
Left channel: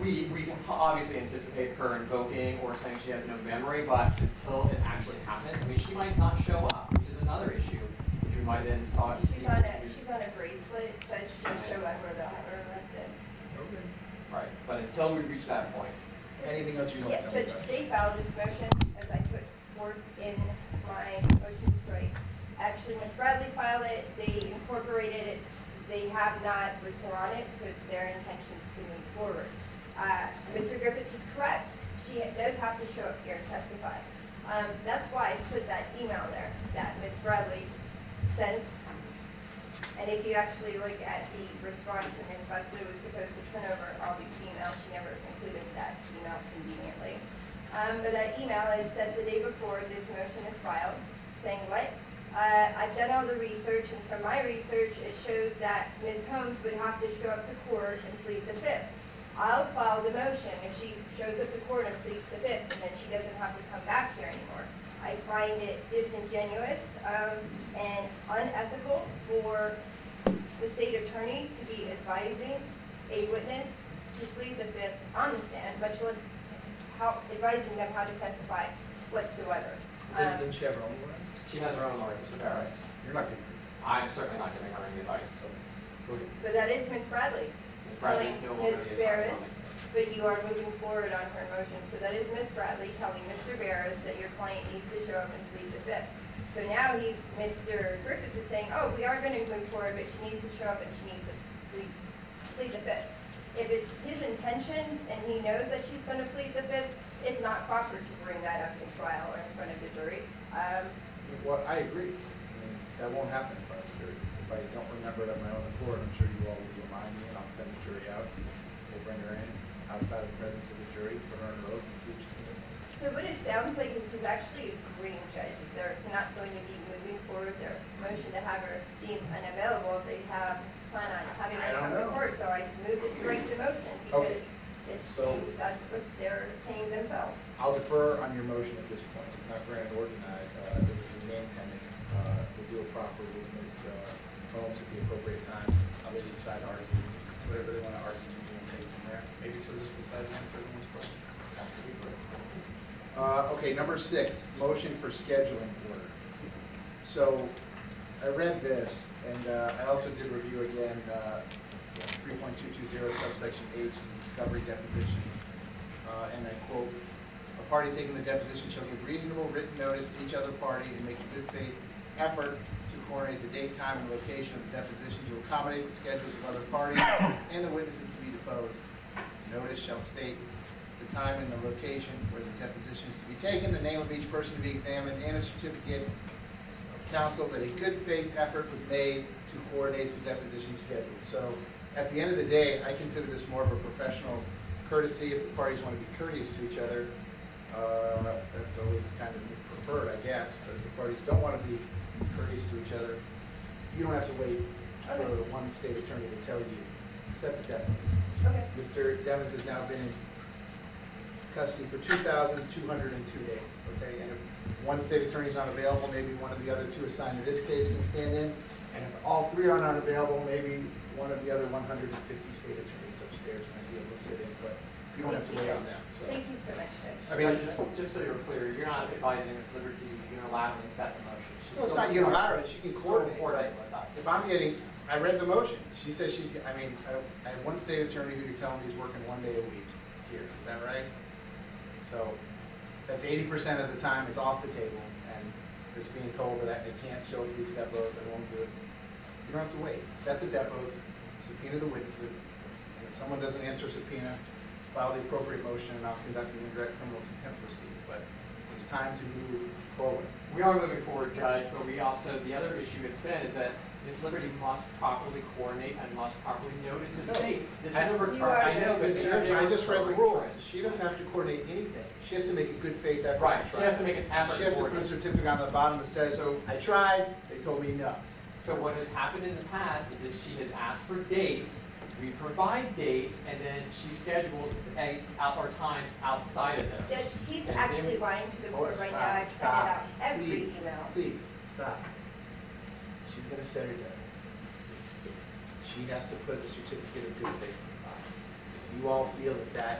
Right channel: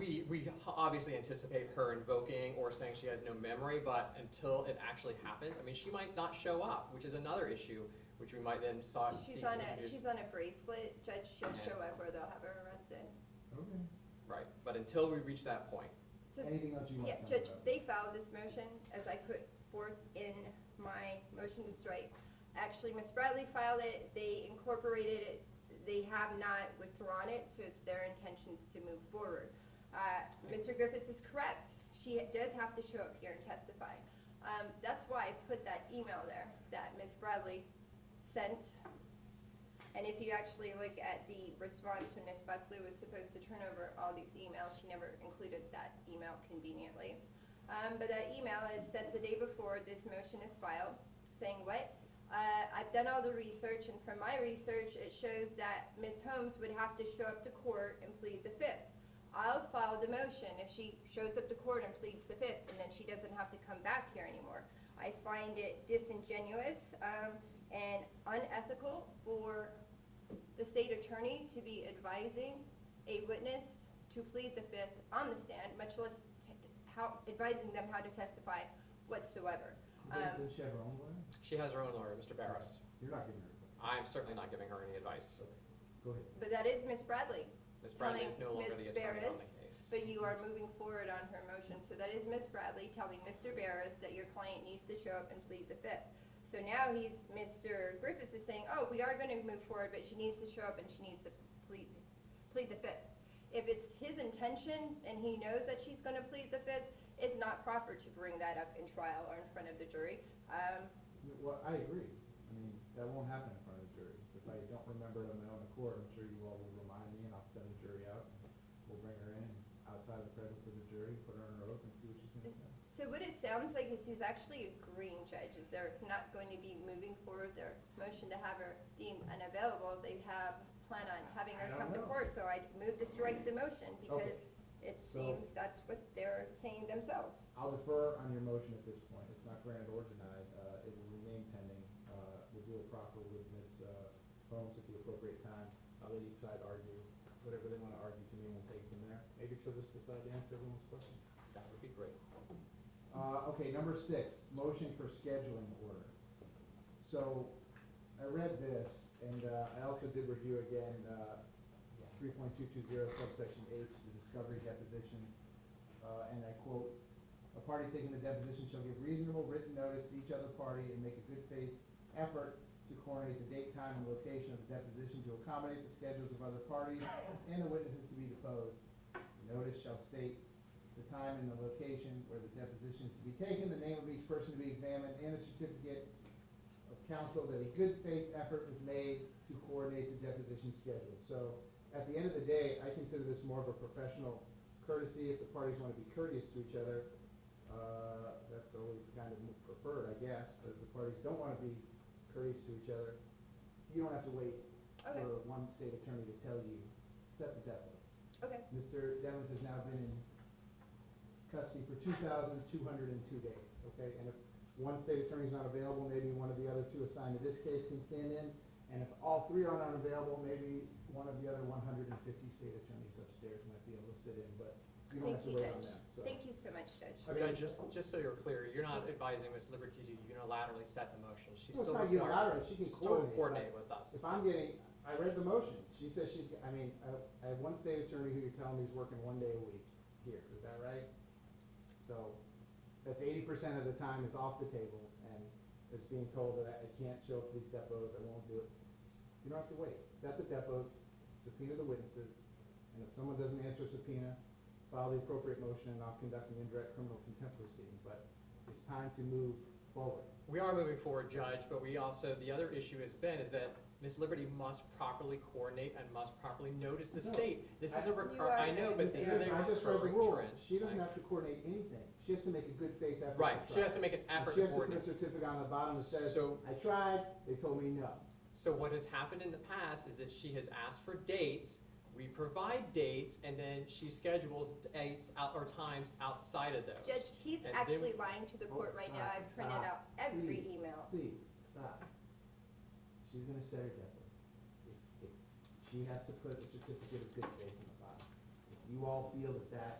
We can obviously anticipate her invoking or saying she has no memory, but until it actually happens, I mean, she might not show up, which is another issue, which we might then sought to see. she's on a bracelet, but she'll show up or they'll have her arrested. Okay. Right, but until we reach that point. Anything else you want Yeah, to tell me Judge, about? they filed this motion as I put forth in my motion to strike. Actually, Ms. Bradley filed it, they incorporated it, they have not withdrawn it, so it's their intentions to move forward. Mr. Griffiths is correct, she does have to show up here and testify. That's why I put that email there that Ms. Bradley sent. And if you actually look at the response when Ms. Buckley was supposed to turn over all these emails, she never included that email conveniently. But that email is sent the day before this motion is filed, saying what? I've done all the research, and from my research, it shows that Ms. Holmes would have to show up to court and plead the Fifth. I'll file the motion if she shows up to court and pleads the Fifth, and then she doesn't have to come back here anymore. I find it disingenuous and unethical for the state attorney to be advising a witness to plead the Fifth on the stand, much less advising them how to testify whatsoever. Didn't she have her own lawyer? She has her own lawyer, Mr. Barris. You're not going to. I'm certainly not giving her any advice. Go ahead. But that is Ms. Bradley. Ms. Bradley is no longer Ms. the Barris, attorney. but you are moving forward on her motion. So that is Ms. Bradley telling Mr. Barris that your client needs to show up and plead the Fifth. So now Mr. Griffiths is saying, oh, we are going to move forward, but she needs to show up and she needs to plead the Fifth. If it's his intention and he knows that she's going to plead the Fifth, it's not proper to bring that up in trial or in front of the jury. Well, I agree. I mean, that won't happen in front of the jury. If I don't remember it on my own accord, I'm sure you all will remind me, and I'll say bring her in outside the presence of the jury, put her under oath and see what she can do. So what it sounds like is he's actually agreeing, judges, they're not going to be moving forward their motion to have her deemed unavailable if they have plan on having her I don't come to know. court. So I move this right to motion Okay. because it So- seems that's what they're saying themselves. I'll defer on your motion at this point. It's not granted or denied. It was remain pending. We'll do it properly with Ms. Holmes at the appropriate time. I'll let each side argue, whatever they want to argue, and we'll take it from there. Maybe she'll just decide to answer everyone's question. After we vote. Okay, number 6, motion for scheduling order. So I read this, and I also did review again 3.220 subsection H, the discovery deposition. And I quote, "A party taking the deposition shall give reasonable written notice to each other party and make a good faith effort to coordinate the date, time, and location of the deposition to accommodate the schedules of other parties and the witnesses to be deposed. The notice shall state the time and the location where the deposition is to be taken, the name of each person to be examined, and a certificate of counsel that a good faith effort was made to coordinate the deposition schedule." So at the end of the day, I consider this more of a professional courtesy. If the parties want to be courteous to each other, that's always kind of preferred, I guess. But if the parties don't want to be courteous to each other, you don't have to wait for one state attorney to tell you, set the deadline. Okay. Mr. Devens has now been in custody for 2,202 days, okay? And if one state attorney is not available, maybe one of the other 2 assigned to this case can stand in. And if all 3 are not available, maybe one of the other 150 state attorneys upstairs might be able to sit in, but you don't have to wait on them, so. Thank you so much, Judge. I mean, Just so you're clear, you're not advising Ms. Liberty unilaterally set the motion. She's well, it's still- not unilateral, she can still coordinate. coordinate with us. If I'm getting, I read the motion, she says she's, I mean, I have one state attorney who can tell me he's working 1 day a week here, is that right? So, that's 80% of the time is off the table, and just being told that I can't show these depots, I won't do it. You don't have to wait, set the depots, subpoena the witnesses, and if someone doesn't answer subpoena, file the appropriate motion, and I'll conduct an indirect criminal contempt proceeding, but it's time to move forward. We are moving forward, Judge, but we also, the other issue has been is that Ms. Liberty must properly coordinate and must properly notice the state. This is a I know, but Mr. Judge, I just read the rule, she doesn't have to coordinate anything, she has to make a good faith effort. Right, to she try. has to make an effort. She has to to put a coordinate. certificate on the bottom that says, So- I tried, they told me no. So what has happened in the past is that she has asked for dates, we provide dates, and then she schedules dates out our times outside of those. Judge, he's And actually then- lying to the Oh, board right now. I've sent it stop, out every please, email. please, stop. She's gonna set her deadline. She has to put a certificate of good faith on the bottom. You all feel that that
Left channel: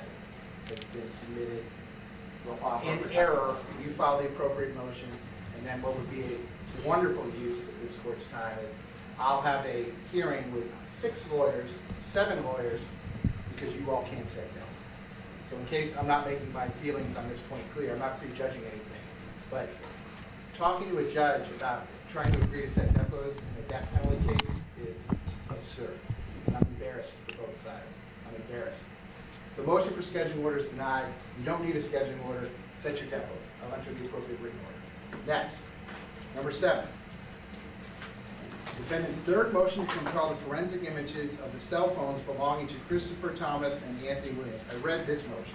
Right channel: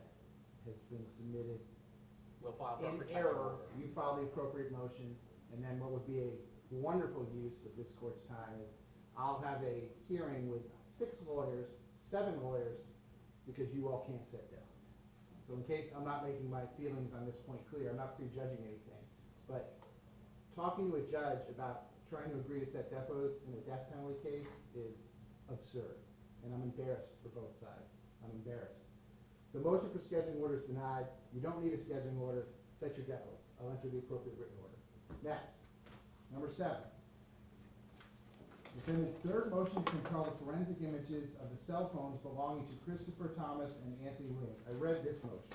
has been submitted We'll file in for- error, you file the appropriate motion, and then what would be a wonderful use of this court's time is I'll have a hearing with 6 lawyers, 7 lawyers, because you all can't set that. So in case I'm not making my feelings on this point clear, I'm not prejudging anything, but talking to a judge about trying to agree to set depots in a death penalty case is absurd. And I'm embarrassed for both sides. I'm embarrassed. The motion for scheduling order is denied. You don't need a scheduling order. Set your depot. I'll enter the appropriate written order. Next, number 7. Defendant's third motion to compel the forensic images of the cell phones belonging to Christopher Thomas and Anthony Williams. I read this motion.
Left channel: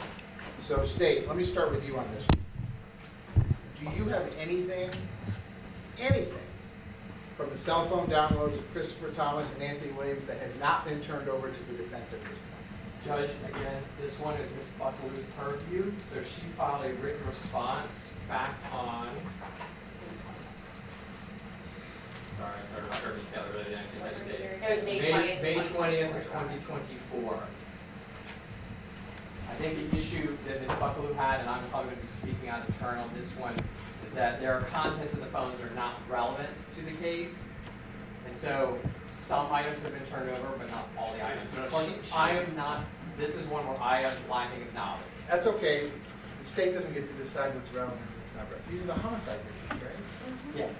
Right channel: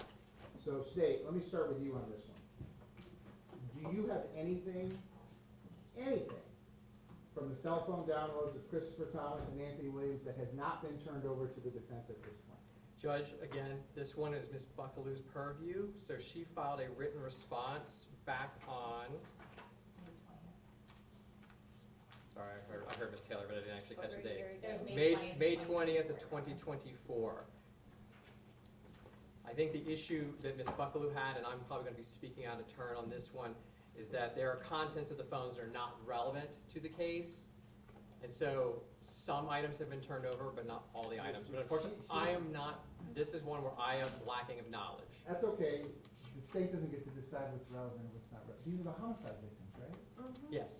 So State, let me start with you on this one. Do you have anything from the cell phone downloads of Christopher Thomas and Anthony Williams that has not been turned over to the defense at this point? Judge, again, this one is Ms. Buckaloo's purview, so she filed a written response back on, sorry, I heard Ms. Taylor really didn't get that date. It was May 20th. May 20th, 2024. I think the issue that Ms. Buckaloo had, and I'm probably going to be speaking on turn on this one, is that there are contents of the phones that are not relevant to the case. And so some items have been turned over, but not all the items. I am not, this is one where I am lacking knowledge. That's okay. The state doesn't get to decide what's relevant and what's not relevant. These are the homicide victims, right? Yes.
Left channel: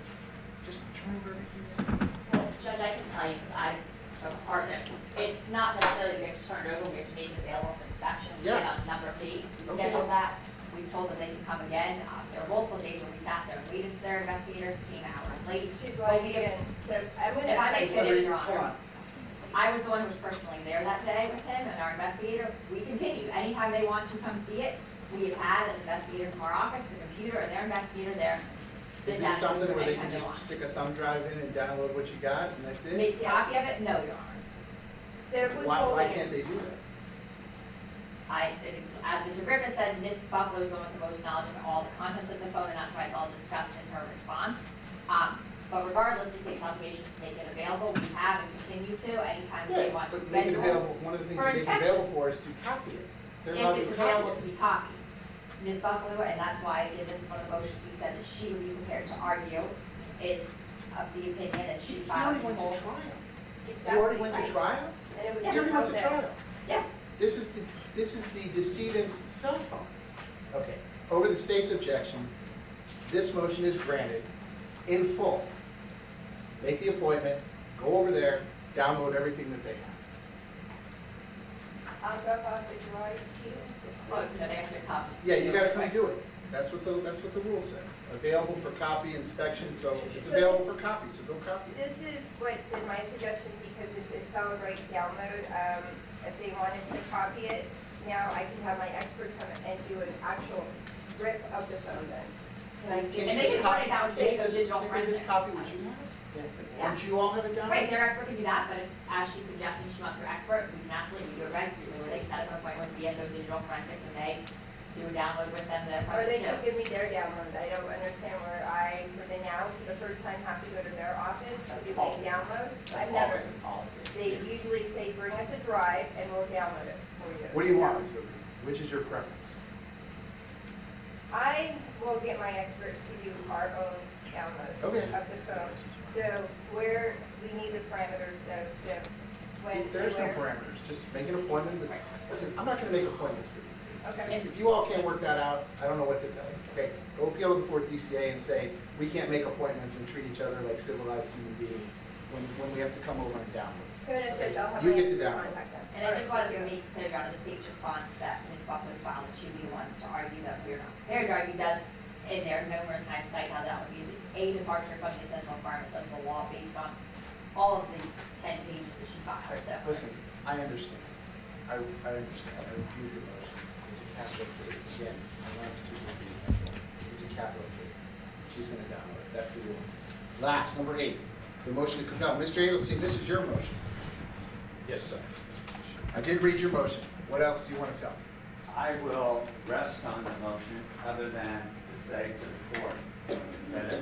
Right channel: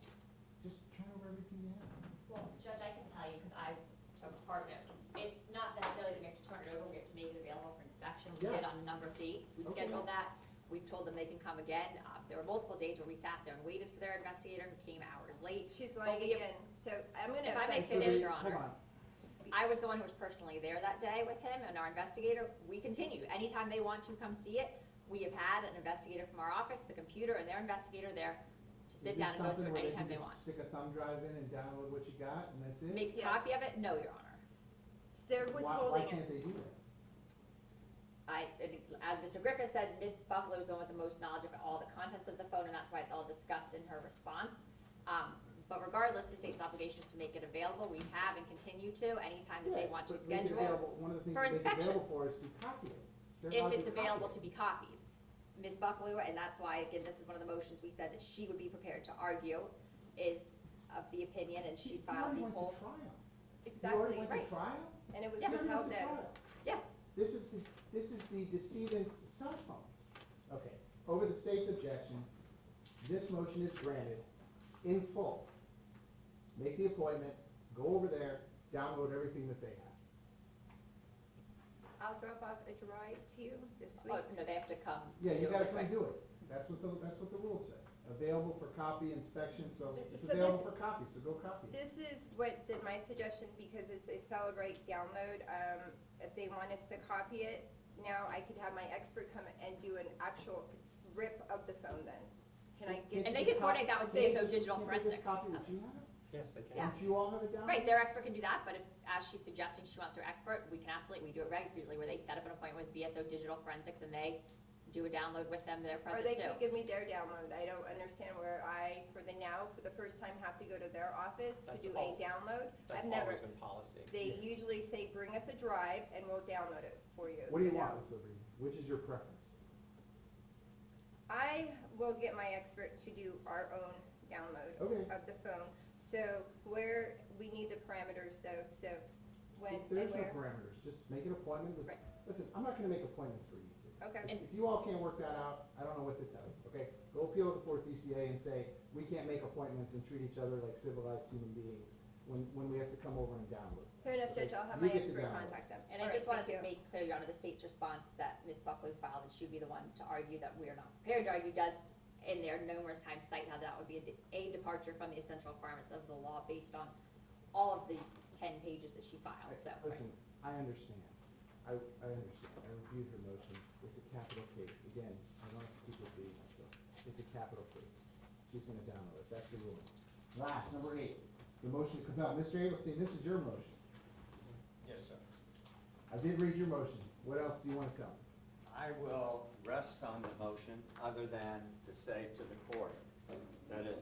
Just turn over everything. Well, Judge, I can tell you, because I am a partner, it's not necessarily we have to turn it over, we have to make it available for inspection. We Yes. get a number of dates, we Okay. scheduled that, we told them they can come again. There were multiple days where we sat there, waited for their investigator, came hours late. She's But lying we have- again. So I'm gonna. If I may have to- finish, Your Hold Honor. on. I was the one who was personally there that day with him and our investigator. We anytime they want to come see it, we have had an investigator from our office, the computer, or their investigator there, sit Is down this something and where they anytime can they just want. stick a thumb drive in and download what you got and that's it? Make a copy of it? No, Your Honor. They're Why withholding. can't they do that? As Mr. Griffin said, Ms. Buckler is the one with the most knowledge of all the contents of the phone, and that's why it's all discussed in her response. But regardless, the state's obligation to make it available, we have and continue to, anytime they want to But make it schedule. available, one of the things for to make it inspection. available for is to copy it. They're allowed If to it's copy available it. to be copied. Ms. Buckler, and that's why in this one of the motions, we said that she would be prepared to argue, is of the opinion that she You filed already the went to whole. trial. You Exactly already went to right. trial? And it was You already went to out there. trial. Yes, This is the decedent's cell phone. Okay, over the state's objection, this motion is granted in full. Make the appointment, go over there, download everything that they have. I'll drop off the drive to you. oh, no, they have to copy. Yeah, you gotta come do it. That's what the rule says. Available for copy inspection, so it's available for copy, so go copy it. This is what is my suggestion, because it's a solid right download. If they wanted to copy it, now I can have my expert come and do an actual rip of the phone then. And I Can't And you they just can run copy- it down to can't you digital just- forensics. Just copy what you have? Yeah. Don't you all have it down? Right, their expert can do that, but if, as she's suggesting, she wants her expert, we can absolutely do it regularly, where they set up an appointment with BSO Digital Forensics, and they do a download with them, their Or they process can too. give me their download. I don't understand where I, for the now, the first time have to go to their office to give me download. I've never. They usually say, bring us a drive and we'll download it for you. What do you want, Ms. Liberty? Which is your preference? I will get my expert to do our own download Okay. of the phone. So where, we need the parameters though, so when. There's no where- parameters, just make an appointment, but, listen, I'm not gonna make appointments for you. Okay. If you all can't work that out, I don't know what to tell you, okay? Go appeal to the fourth DCA and say, we can't make appointments and treat each other like civilized human beings when we have to come over and download. You get to download. And I just wanted to make clear on the state's response that Ms. Buckley filed, that she would be the one to argue that we are not prepared to argue, does, in there numerous times cite how that would be a departure from the essential requirements of the law based on all of the 10 pages that she filed, so. Listen, I understand. I understand. I review your motion. It's a capital case. Again, I want to do the reading myself. It's a capital case. She's gonna download it. That's the rule. Last, number 8, the motion to, no, Mr. Eggleston, this is your motion. Yes, sir. I did read your motion. What else do you want to tell me? I will rest on the motion other than to say to the court that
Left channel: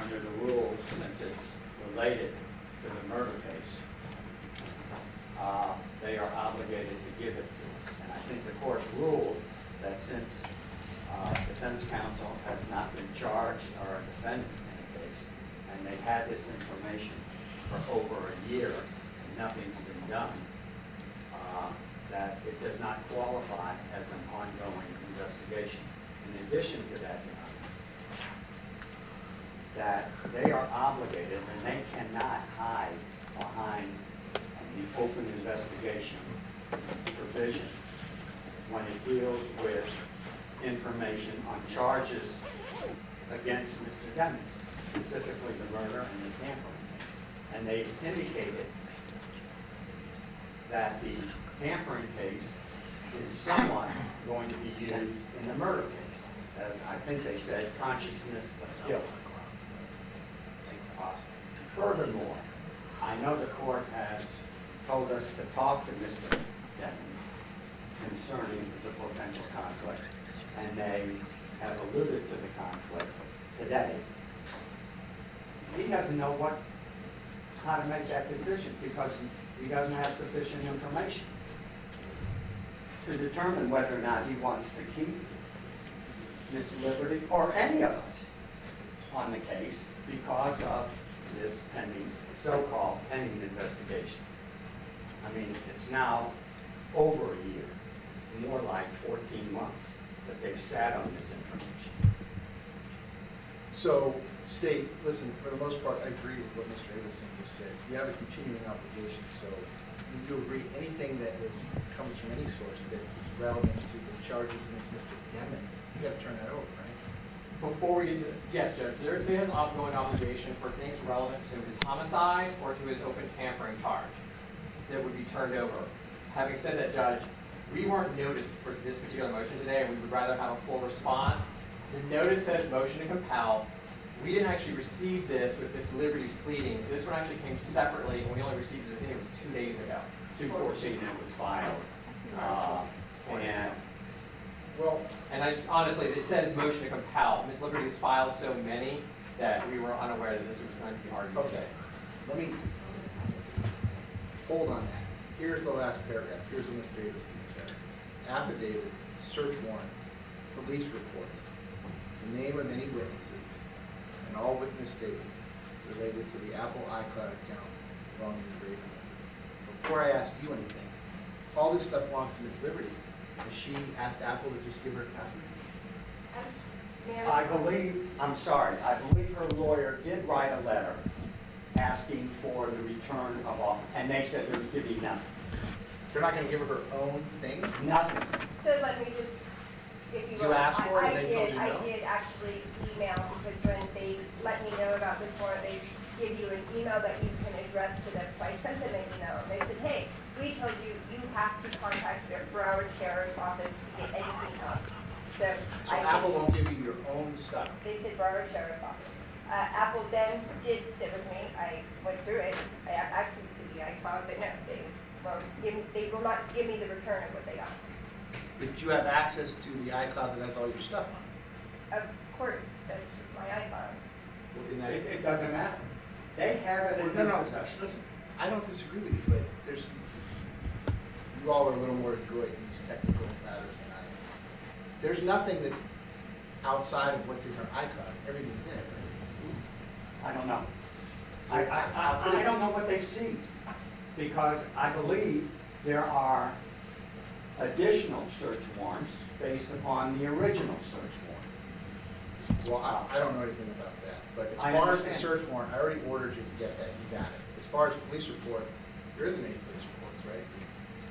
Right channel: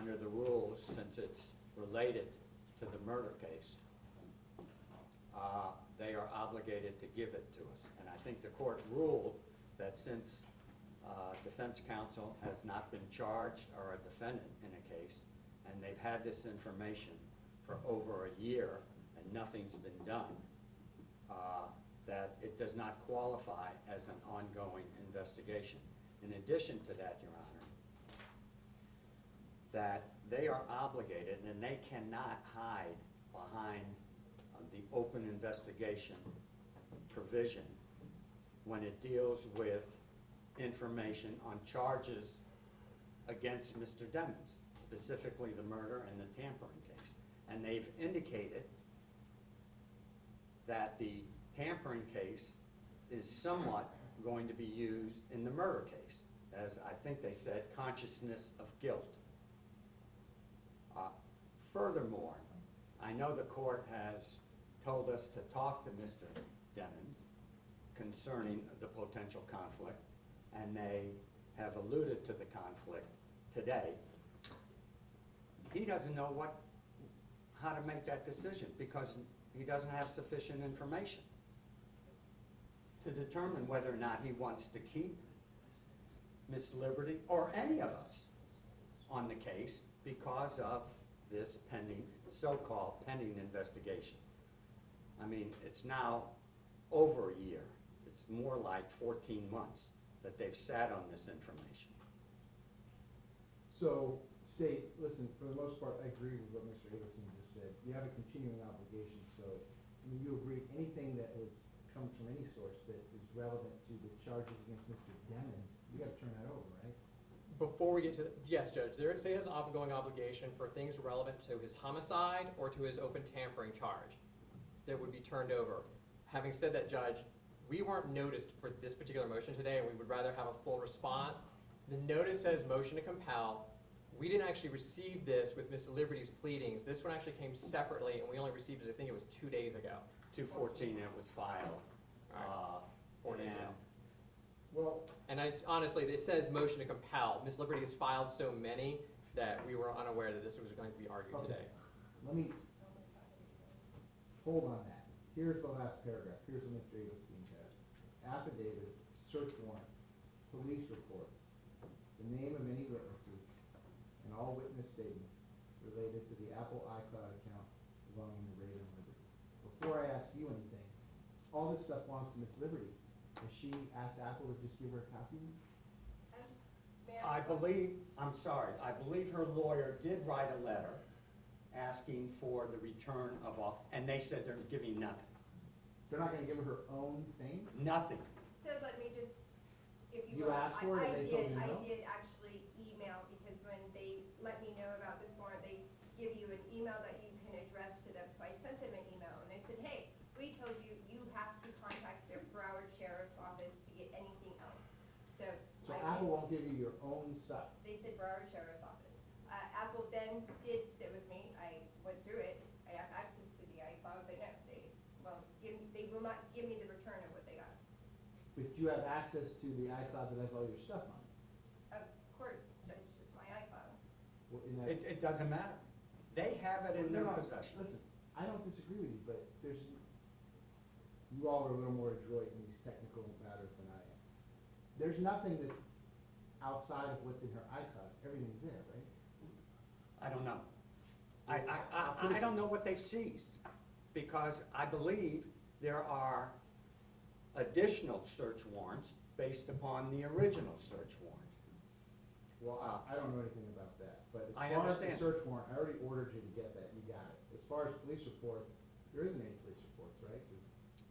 under the rules, since it's related to the murder case, they are obligated to give it to us. And I think the court ruled that since defense counsel has not been charged or a defendant in the case, and they've had this information for over a year and nothing's been done, that it does not qualify as an ongoing investigation. In addition to that, Your Honor, that they are obligated and they cannot hide behind the open investigation provision when it deals with information on charges against Mr. Demings, specifically the murder and the tampering case. And they've indicated that the tampering case is somewhat going to be used in the murder case, as I think they said, consciousness of guilt. Furthermore, I know the court has told us to talk to Mr. Demings concerning the potential conflict, and they have alluded to the conflict today. He doesn't know how to make that decision because he doesn't have sufficient information to determine whether or not he wants to keep Ms. Liberty or any of us on the case because of this pending, so-called pending investigation. I mean, it's now over a year. It's more like 14 months that they've sat on this information. So, state, listen, for the most part, I agree with what Mr. Eggleston just said. You have a continuing obligation, so when you agree anything that comes from any source that is relevant to the charges against Mr. Demings, you gotta turn that over, right? Before we do, yes, Judge, there is an ongoing obligation for things relevant to his homicide or to his open tampering charge that would be turned over. Having said that, Judge, we weren't noticed for this particular motion today, and we would rather have a full response. The notice says motion to compel. We didn't actually receive this with Miss Liberty's pleadings. This one actually came separately, and we only received it, I think it was 2 days ago. 2/14 it was filed. And Well, And honestly, it says motion to compel. Ms. Liberty's filed so many that we were unaware that this was going to be argued okay, today. let me, hold on that. Here's the last paragraph, here's what Ms. Davis said. Affidavits, search warrants, police reports, the name of any witnesses, and all witness statements related to the Apple iCloud account belonging to Raven. Before I ask you anything, all this stuff belongs to Ms. Liberty. Has she asked Apple to just give her a copy? I believe her lawyer did write a letter asking for the return of all, and they said they're giving nothing. They're not gonna give her her own thing? Nothing. So let me just, if you You will, asked for it, I they told you I no? did actually email, because when they let me know about this warrant, they give you an email that you can address to them. So I sent them an email, and they said, hey, we told you, you have to contact their Broward Sheriff's Office to get anything done. So So I Apple did- won't give you your own stuff? They said Broward Sheriff's Office. Apple then did sit with me, I went through it, I have access to the iCloud, but no, they will not give me the return of what they got. But you have access to the iCloud that has all your stuff on it? Of course, that's just my iPhone. Well, in that- It doesn't matter. They have it in No, their no, possession. listen, I don't disagree with you, but there's, you all are a little more adroit in these technical matters than I am. There's nothing that's outside of what's in her iCloud, everything's in it, right? I don't know. I don't know what they seized, because I believe there are additional search warrants based upon the original search warrant. Well, I don't know anything about that, but as I far as the understand. search warrant, I already ordered you to get that, you got it. As far as police reports, there isn't any police reports, right?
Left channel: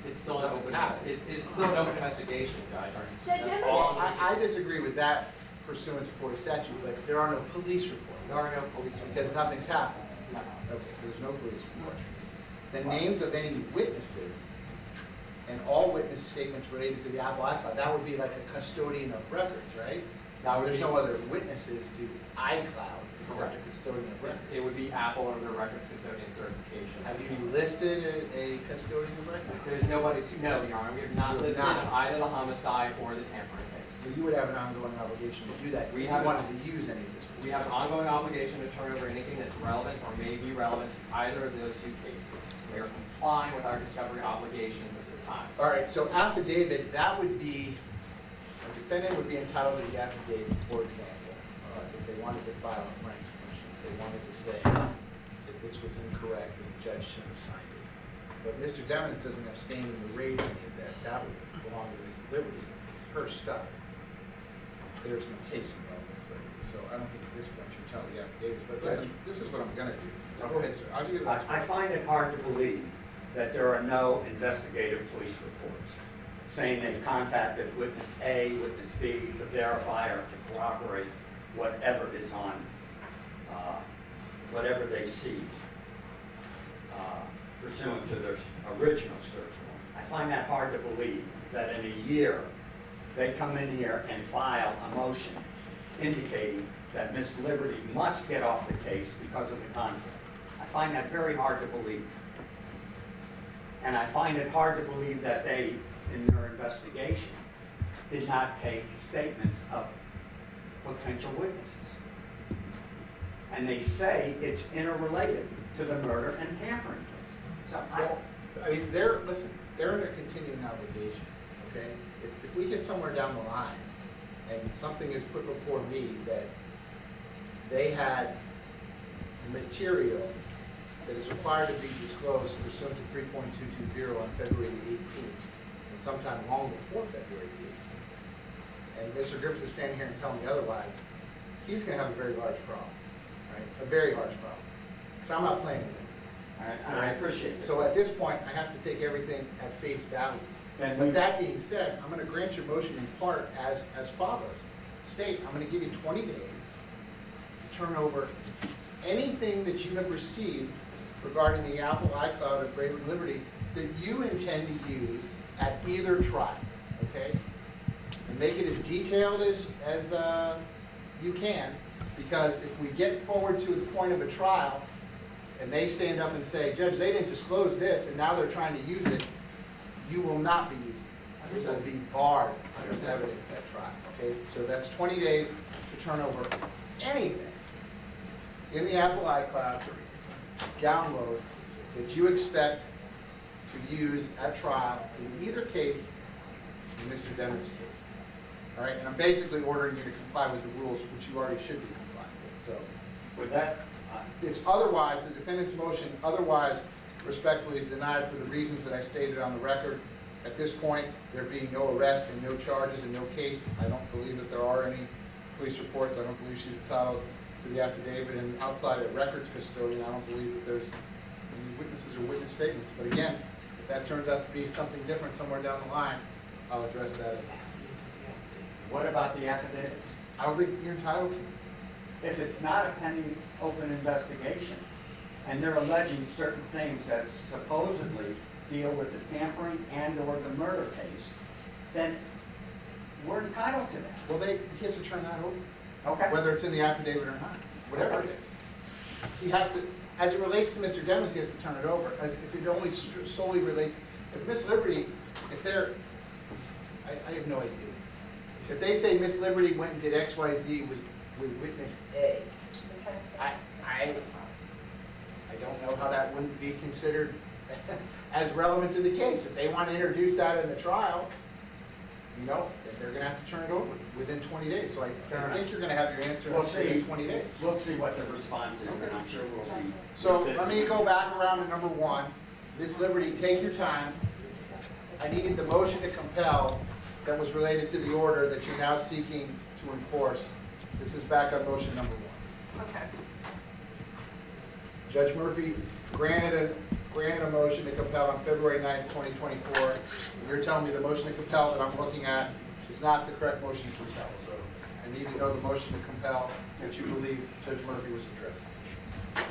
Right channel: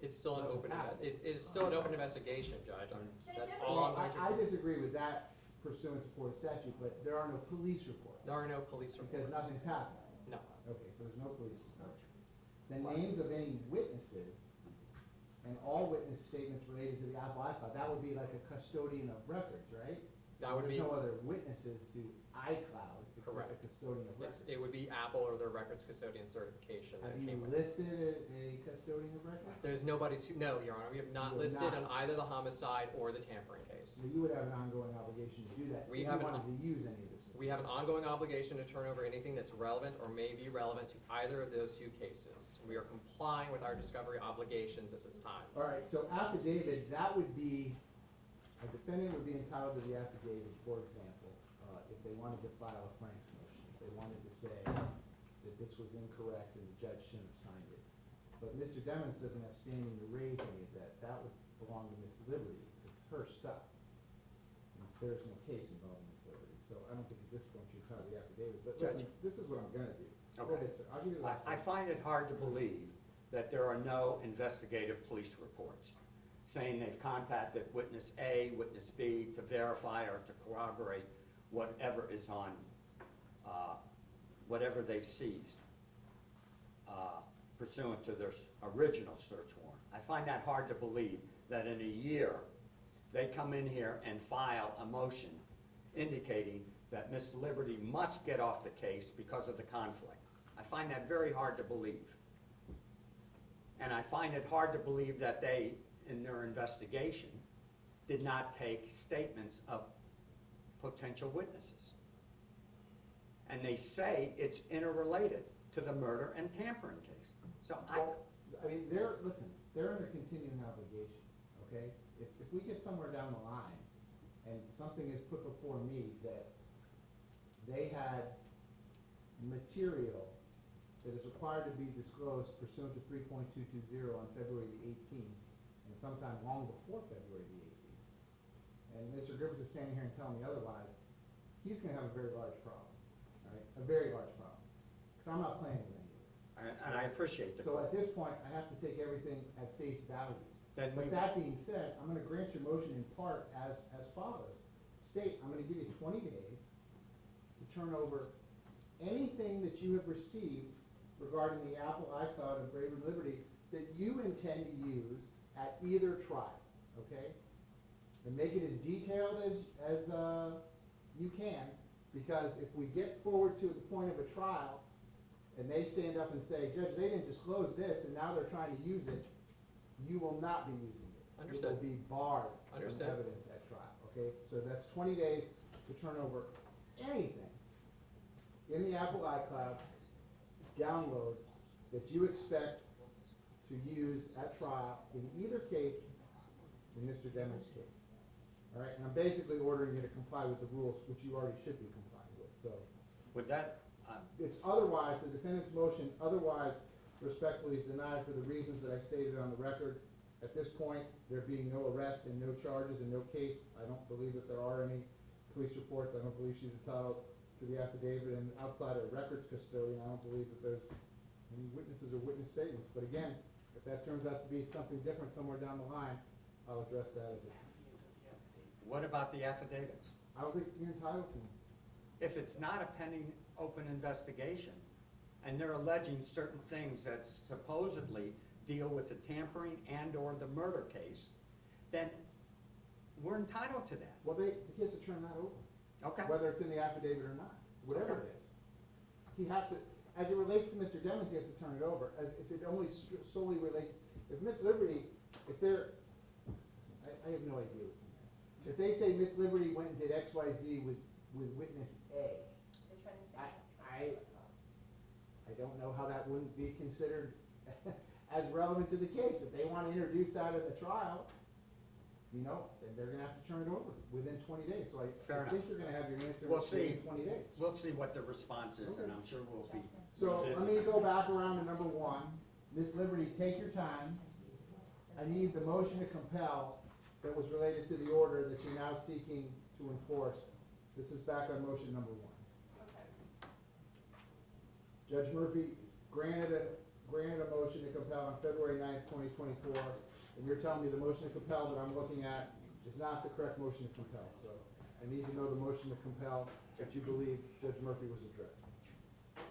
It's still an open, it's still an open investigation, Judge. Judge, That's I'm all gonna- I'm- I disagree with that pursuant to Florida statute, but there are no police reports. There are no police. Because nothing's happened. No. Okay, so there's no police report. The names of any witnesses and all witness statements related to the Apple iCloud, that would be like a custodian of records, right? That would There's be- no other witnesses to iCloud except Correct. a custodian of records. It would be Apple or the records custodian certification. Have you listed a custodian of records? There's nobody to know, Your Honor. We have not You have listed not. either the homicide or the tampering case. So you would have an ongoing obligation to do that if We you have wanted to use any of this. We have an ongoing obligation to turn over anything that's relevant or may be relevant to either of those two cases. We are complying with our discovery obligations at this time. All right, so affidavit, that would be, a defendant would be entitled to the affidavit, for example, if they wanted to file a Frank's motion, if they wanted to say that this was incorrect and the judge should have signed it. But Mr. Demons doesn't have standing to raise any of that, that would belong to Ms. Liberty, it's her stuff. There's no case involved, so I don't think at this point you're telling the affidavits, but listen, this is what I'm gonna do. Go ahead, sir, I'll give you the last I one. find it hard to believe that there are no investigative police reports saying they've contacted witness A, witness B to verify or to corroborate whatever is on, whatever they seized pursuant to their original search warrant. I find that hard to believe that in a year, they come in here and file a motion indicating that Miss Liberty must get off the case because of the conflict. I find that very hard to believe. And I find it hard to believe that they, in their investigation, did not take statements of potential witnesses. And they say it's interrelated to the murder and tampering case. So Well, I mean, listen, they're under continuing obligation, okay? If we get somewhere down the line and something is put before me that they had material that is required to be disclosed pursuant to 3.220 on February the 18th, and sometime long before February the 18th, and Mr. Griffiths is standing here and telling me otherwise, he's gonna have a very large problem, right? A very large problem. So I'm not playing with him. And I appreciate it. So at this point, I have to take everything at face value. Then But we- that being said, I'm gonna grant your motion in part as follows. State, I'm gonna give you 20 days to turn over anything that you have received regarding the Apple iCloud of Braven Liberty that you intend to use at either trial, okay? And make it as detailed as you can, because if we get forward to the point of a trial, and they stand up and say, Judge, they didn't disclose this, and now they're trying to use it, you will not be using it. It will be barred as evidence at trial, okay? So that's 20 days to turn over anything in the Apple iCloud, download, that you expect to use at trial in either case, in Mr. Demon's case. All right, and I'm basically ordering you to comply with the rules, which you already should be complying with, so. With that, It's otherwise, the defendant's motion otherwise respectfully is denied for the reasons that I stated on the record. At this point, there being no arrest and no charges and no case, I don't believe that there are any police reports. I don't believe she's entitled to the affidavit, and outside of records custodian, I don't believe that there's any witnesses or witness statements. But again, if that turns out to be something different somewhere down the line, I'll address that as what about the affidavits? I don't think you're entitled to. If it's not a pending open investigation, and they're alleging certain things that supposedly deal with the tampering and/or the murder case, then we're entitled to that. Well, he has to turn that over, Okay? whether it's in the affidavit or not, whatever it is. He has to, as it relates to Mr. Demons, he has to turn it over. As if it only solely relates, if Miss Liberty, if they're, I have no idea. If they say Miss Liberty went and did X, Y, Z with witness A, I don't know how that wouldn't be considered as relevant to the case. If they want to introduce that in the trial, then they're gonna have to turn it over within 20 days. So I think you're gonna have your answer We'll see. within 20 days. We'll see what the response is, and I'm sure we'll be. So let me go back around to number one. Miss Liberty, take your time. I needed the motion to compel that was related to the order that you're now seeking to enforce. This is back on motion number one. Okay. Judge Murphy granted a motion to compel on February 9th, 2024. And you're telling me the motion to compel that I'm looking at is not the correct motion to compel. So I need to know the motion to compel that you believe Judge Murphy was addressing.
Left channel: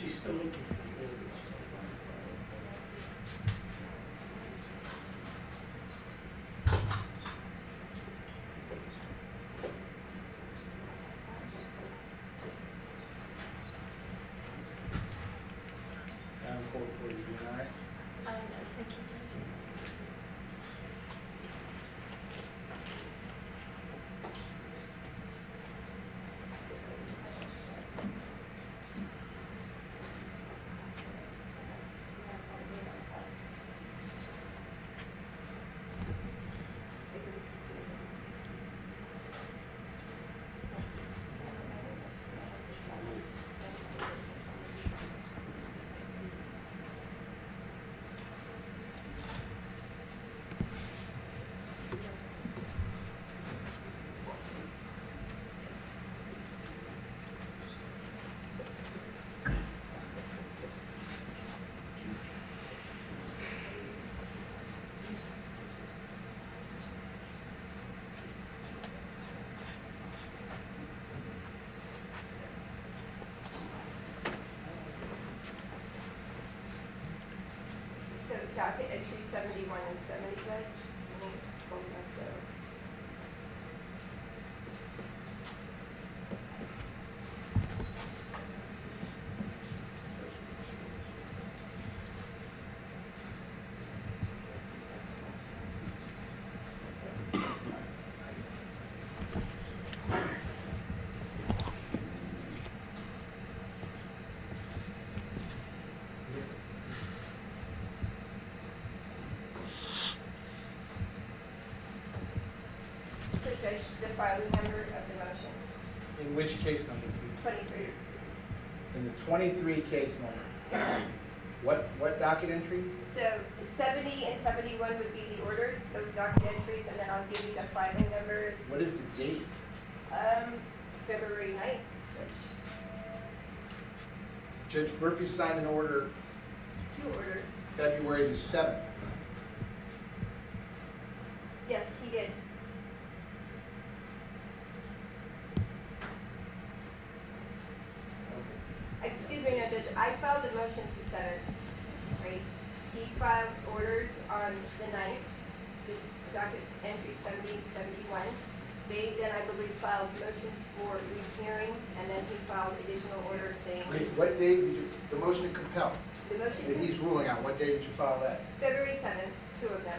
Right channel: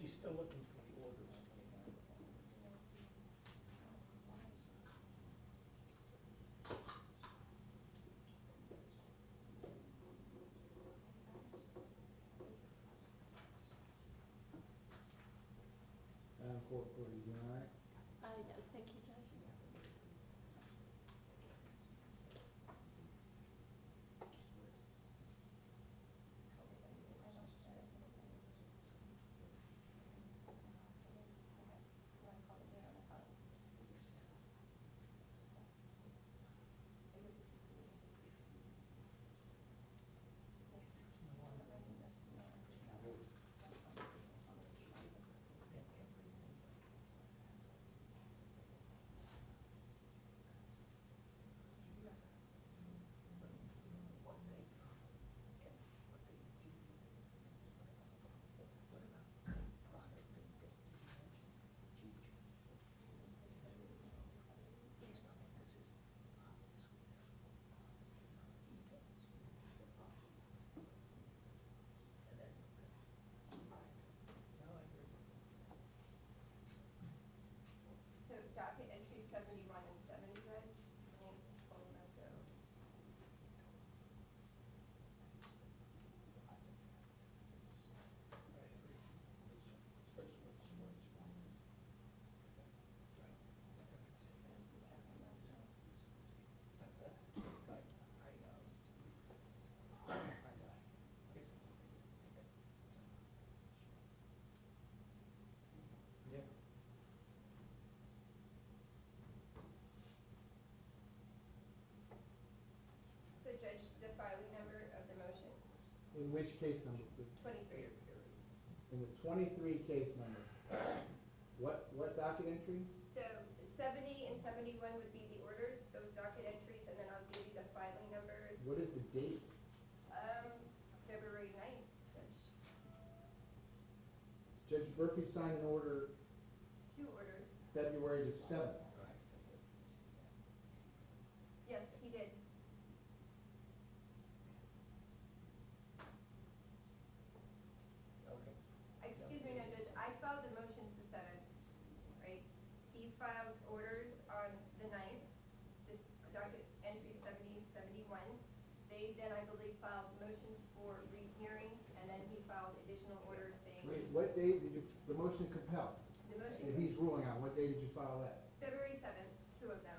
She's still looking. Madam Court Reporter, you all right? So docket entry 71 and 70, Judge. Let me pull that down. Judge, the filing number of the motion, In which case number? 23. In the 23 case number. What docket entry? So 70 and 71 would be the orders, those docket entries, and then I'll give you the filing numbers. What is the date? February 9th. Judge Murphy signed an order 2 orders. February the 7th. Yes, he did. Excuse me, no, Judge, I filed the motions the 7th, right? He filed orders on the 9th, the docket entry 70, 71. They then, I believe, filed motions for rehearing, and then he filed additional orders saying, Wait, what date did you, the motion to compel the that motion, he's ruling on, what day did you file that? February 7th, 2 of them.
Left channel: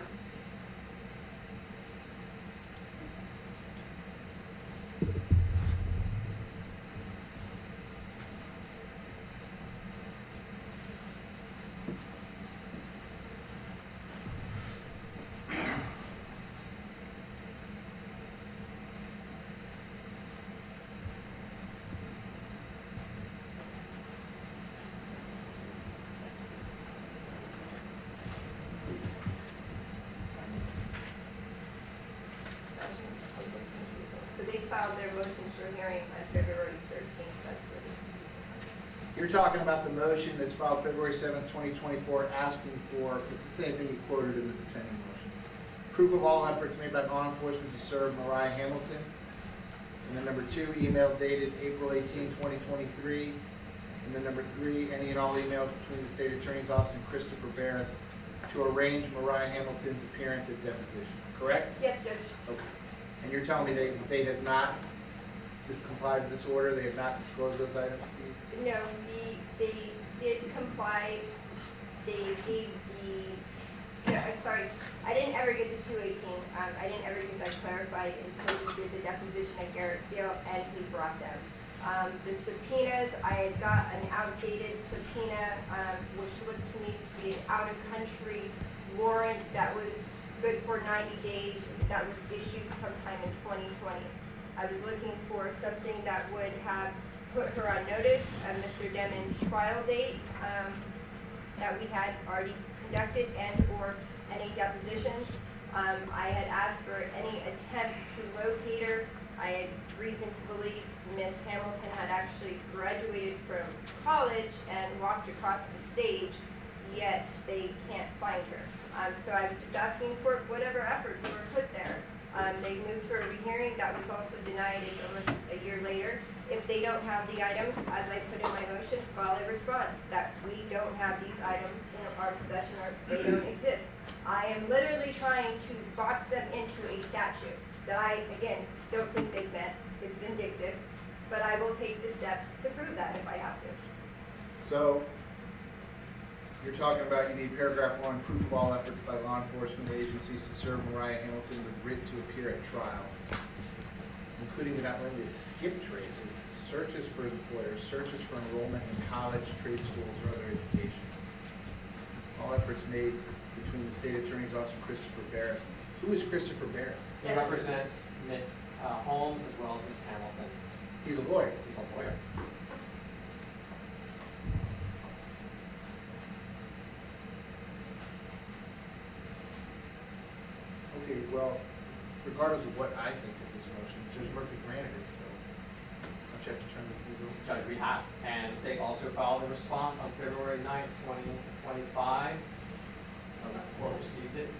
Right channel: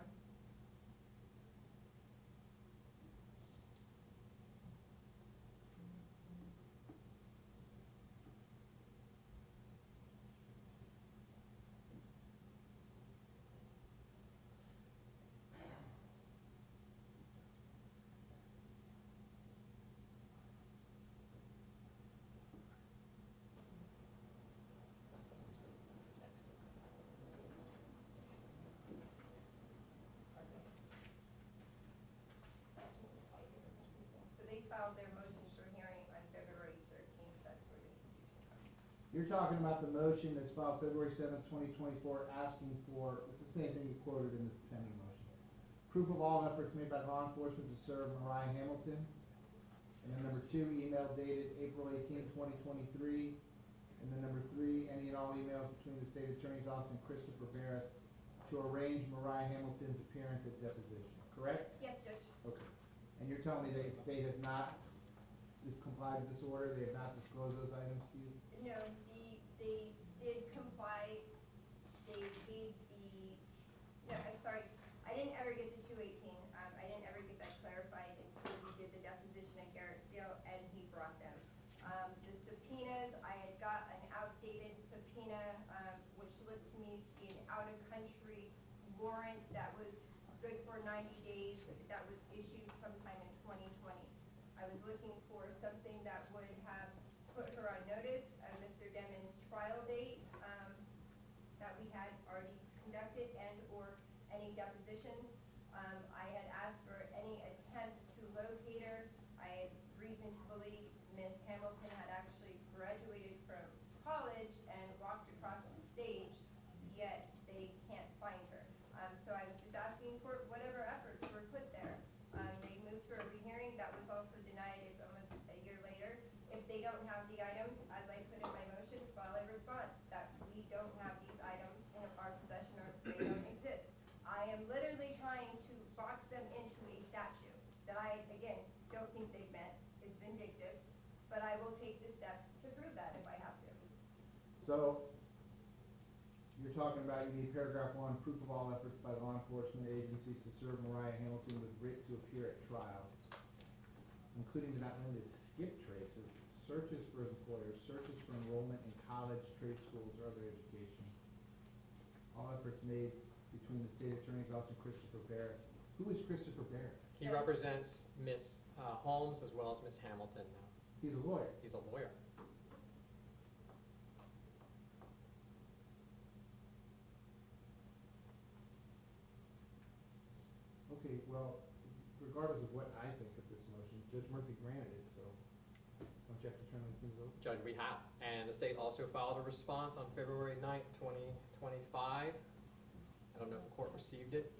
So they filed their motions for hearing on February 13th, that's what it is. You're talking about the motion that's filed February 7th, 2024, asking for, it's the same thing you quoted in the defending motion. Proof of all efforts made by law enforcement to serve Mariah Hamilton. And then number 2, email dated April 18, 2023. And then number 3, any and all emails between the state attorney's office and Christopher Barris to arrange Mariah Hamilton's appearance at deposition, correct? Yes, Judge. Okay. And you're telling me the state has not complied with this order, they have not disclosed those items to you? No, they did comply, they gave no, I'm sorry, I didn't ever get the 218, I didn't ever get that clarified until we did the deposition at Garrett Steel, and he brought them. The subpoenas, I had got an outdated subpoena, which looked to me to be an out-of-country warrant that was good for 90 days, that was issued sometime in 2020. I was looking for something that would have put her on notice of Mr. Demon's trial date that we had already conducted and/or any depositions. I had asked for any attempts to locate her. I had reason to believe Miss Hamilton had actually graduated from college and walked across the stage, yet they can't find her. So I was just asking for whatever efforts were put there. They moved for a rehearing, that was also denied almost a year later. If they don't have the items, as I put in my motion, file a response that we don't have these items in our possession or they don't exist. I am literally trying to box them into a statute that I, again, don't think they've met. It's vindictive, but I will take the steps to prove that if I have to. So, you're talking about you need paragraph 1, proof of all efforts by law enforcement agencies to serve Mariah Hamilton with writ to appear at trial, including but not limited to skip traces, searches for employers, searches for enrollment in college, trade schools, or other education. All efforts made between the state attorney's office and Christopher Barris. Who is Christopher Barris? He represents Miss Holmes as well as Miss Hamilton. He's a lawyer. He's a lawyer. Okay, well, regardless of what I think of this motion, Judge Murphy granted it, so I'll have to turn this into. Judge, we have, and the state also filed a response on February 9th, 2025. I don't know if the court received it.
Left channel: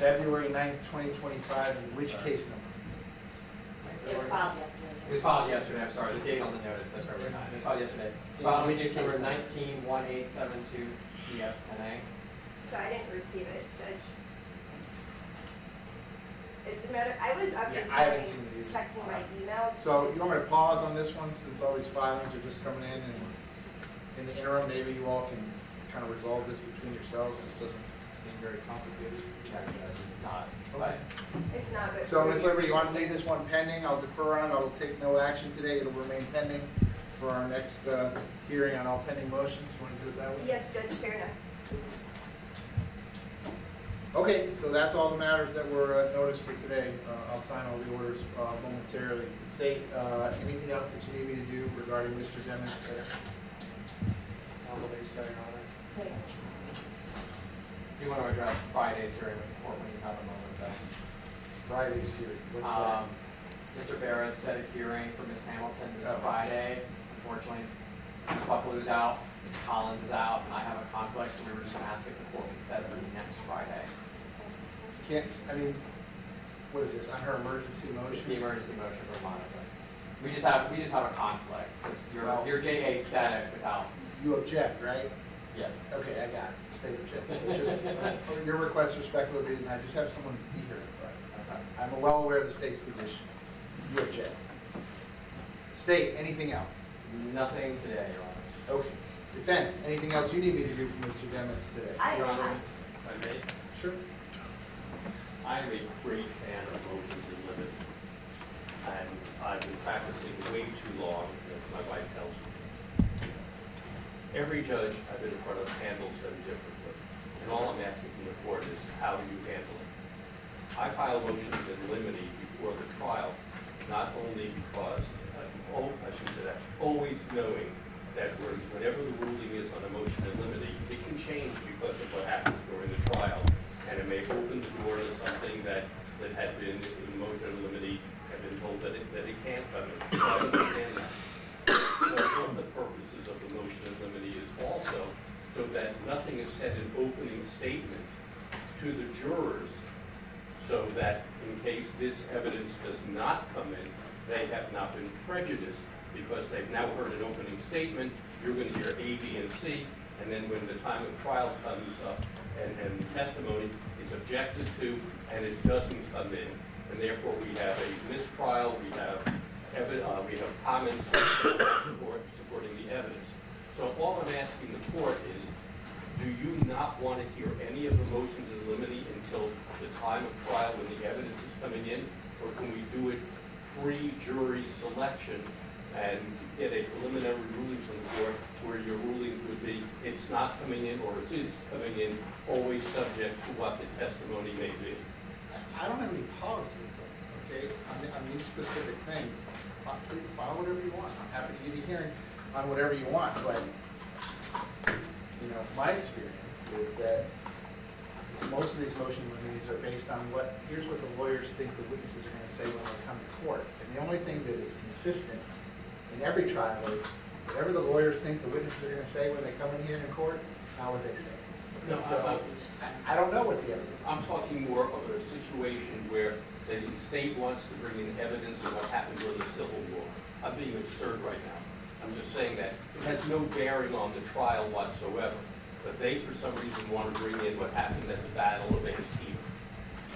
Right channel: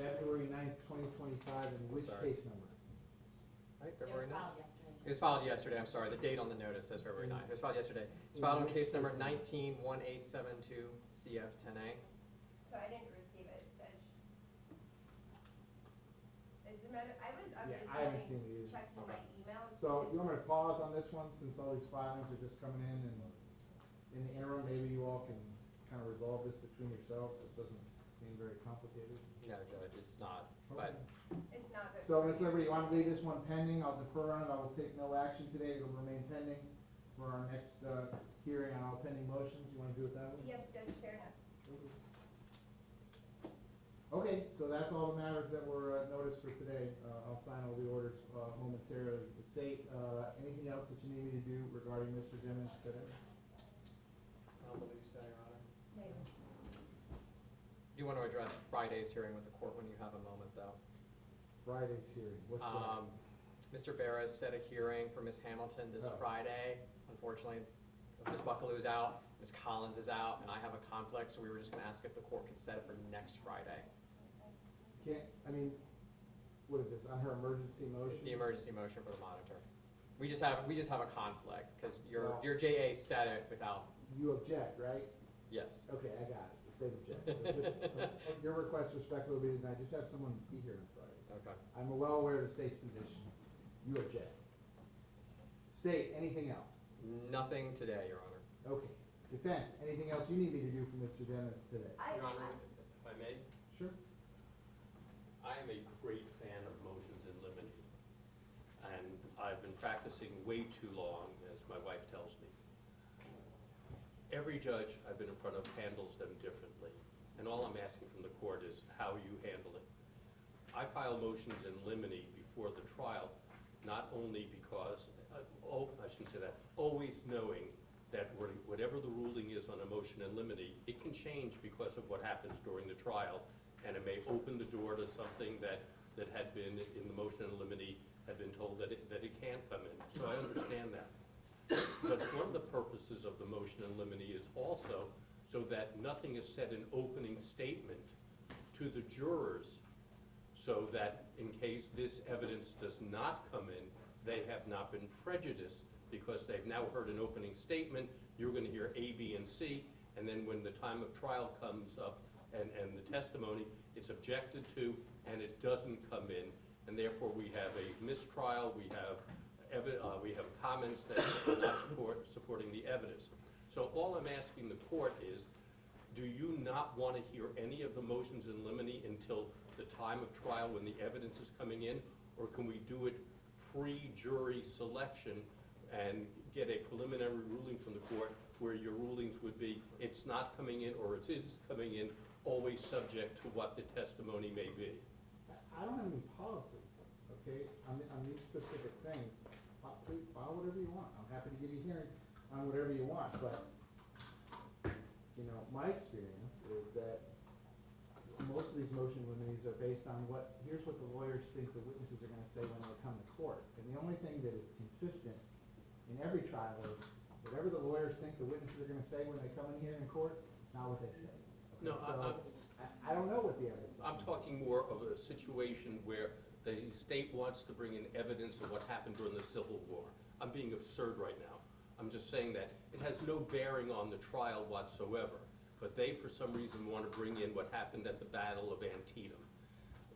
February 9th, 2025, which case number? It was filed yesterday. It was filed yesterday, I'm sorry, the date on the notice says February 9th. It was filed yesterday. It was filed on Which case number case? 191872 CFNA. So I didn't receive it, Judge. It's a matter, I was up Yeah, this I haven't morning seen it either. checking my emails. So you want me to pause on this one, since all these filings are just coming in, and in the interim, maybe you all can kind of resolve this between yourselves, this doesn't seem very complicated. Yeah, because it's not. Okay. It's not, but. So, Ms. Liberty, you want to leave this one pending? I'll defer on, I'll take no action today, it'll remain pending for our next hearing on all pending motions. You want to do it that way? Yes, Judge, fair enough. Okay, so that's all the matters that were noticed for today. I'll sign all the orders momentarily. State, anything else that you need me to do regarding Mr. Dennis? I don't know what you're saying on it. Do you want to address Friday's hearing with the court when you have a moment though? Friday's here. What's that? Mr. Barris set a hearing for Ms. Hamilton this Oh. Friday. Unfortunately, Ms. Buckle is out, Ms. Collins is out, and I have a conflict, so we were just gonna ask if the court would set it for next Friday. Can't, I mean, what is this, on her emergency motion? The emergency motion for Monica. We just have a conflict, because your JA said it without, You object, right? yes. Okay, I got it. State object. So just, your request respectfully, and I just have someone be here. Okay. I'm well aware of the state's position. You object. State, anything else? Nothing today, Your Honor. Okay. Defense, anything else you need me to do for Mr. Dennis today? Your Honor, if I may, Sure. I'm a great fan of motions and limits, and I've been practicing way too long, as my wife tells me. Every judge I've been in front of handles them differently, and all I'm asking from the court is, how do you handle it? I file motions in limine before the trial, not only because, I should say that, always knowing that whenever the ruling is on a motion in limine, it can change because of what happens during the trial. And it may open the door to something that had been in motion in limine, had been told that it can't come in. So I understand that. But one of the purposes of the motion in limine is also so that nothing is said in opening statement to the jurors, so that in case this evidence does not come in, they have not been prejudiced, because they've now heard an opening statement, you're going to hear A, B, and C, and then when the time of trial comes up, and the testimony is objected to, and it doesn't come in, and therefore we have a mistrial, we have comments supporting the evidence. So all I'm asking the court is, do you not want to hear any of the motions in limine until the time of trial when the evidence is coming in, or can we do it pre-jury selection and get a preliminary ruling from the court where your rulings would be, it's not coming in, or it is coming in, always subject to what the testimony may be? I don't have any policy, okay, on these specific things. File whatever you want. I'm happy to give you a hearing on whatever you want, but, you know, my experience is that most of these motion limines are based on here's what the lawyers think the witnesses are gonna say when they come to court. And the only thing that is consistent in every trial is whatever the lawyers think the witnesses are gonna say when they come in here in court, it's not what they say. No, So, I don't know what the evidence is. I'm talking more of a situation where the state wants to bring in evidence of what happened during the Civil War. I'm being absurd right now. I'm just saying that it has no bearing on the trial whatsoever. But they, for some reason, want to bring in what happened at the Battle of Antietam.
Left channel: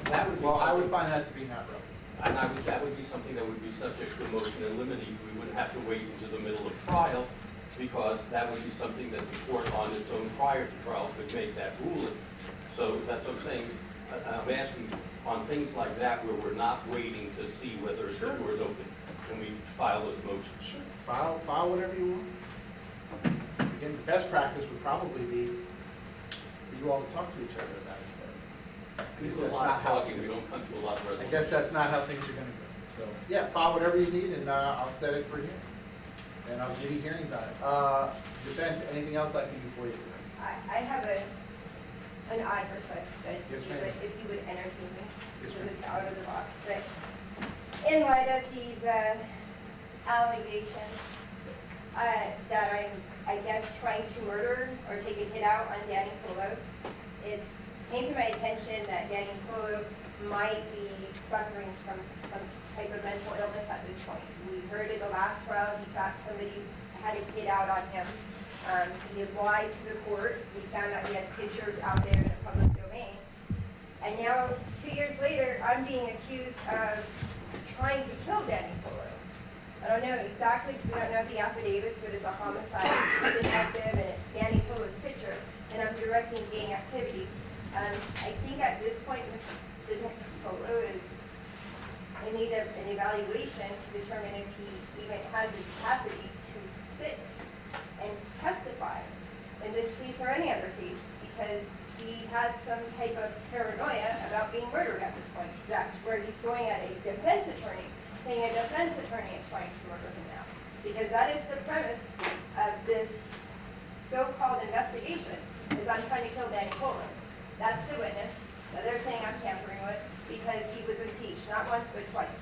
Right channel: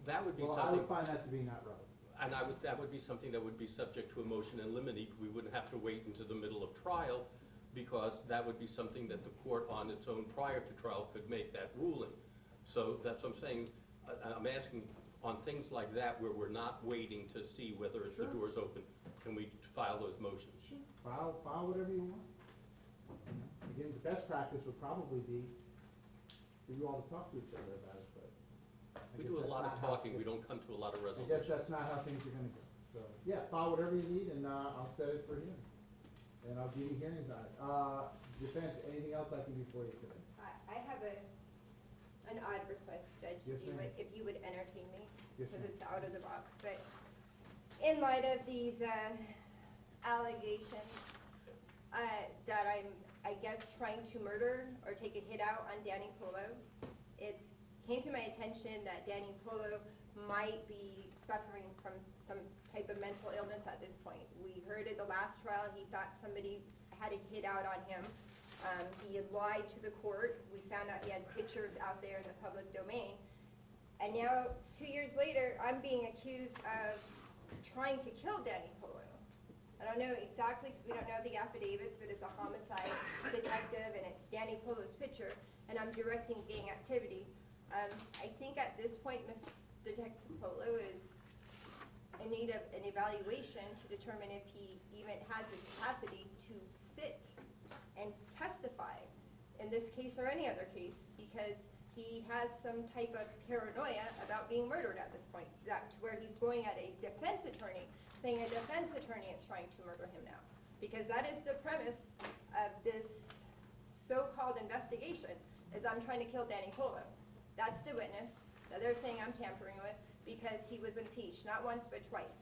That would be Well, I would something, find that to be not relevant. and that would be something that would be subject to a motion in limine. We wouldn't have to wait into the middle of trial, because that would be something that the court on its own prior to trial could make that ruling. So that's what I'm saying. I'm asking on things like that where we're not waiting to see whether the door is open. Can we file those motions? Sure. File whatever you want. Again, the best practice would probably be for you all to talk to each other about it. We Because do a that's lot not of how talking, we don't come to a lot of I resolutions. guess that's not how things are gonna go. So, yeah, file whatever you need and I'll set it for you. And I'll give you hearings on it. Defense, anything else I can do for you? I have an odd request, Judge, Yes, ma'am. if you would entertain me, Yes, because ma'am. it's out of the box, but in light of these allegations that I'm, I guess, trying to murder or take a hit out on Danny Polo, it came to my attention that Danny Polo might be suffering from some type of mental illness at this point. We heard in the last trial, he thought somebody had a hit out on him. He lied to the court. We found out he had pictures out there in the public domain. And now, 2 years later, I'm being accused of trying to kill Danny Polo. I don't know exactly, because I don't know the affidavits, but it's a homicide, it's detective, and it's Danny Polo's picture, and I'm directing gang activity. I think at this point, Mr. Polo is in need of an evaluation to determine if he even has the capacity to sit and testify in this case or any other case, because he has some type of paranoia investigation is I'm trying to kill Danny Coleman. That's the witness that they're saying I'm tampering with because he was impeached, not once, but twice.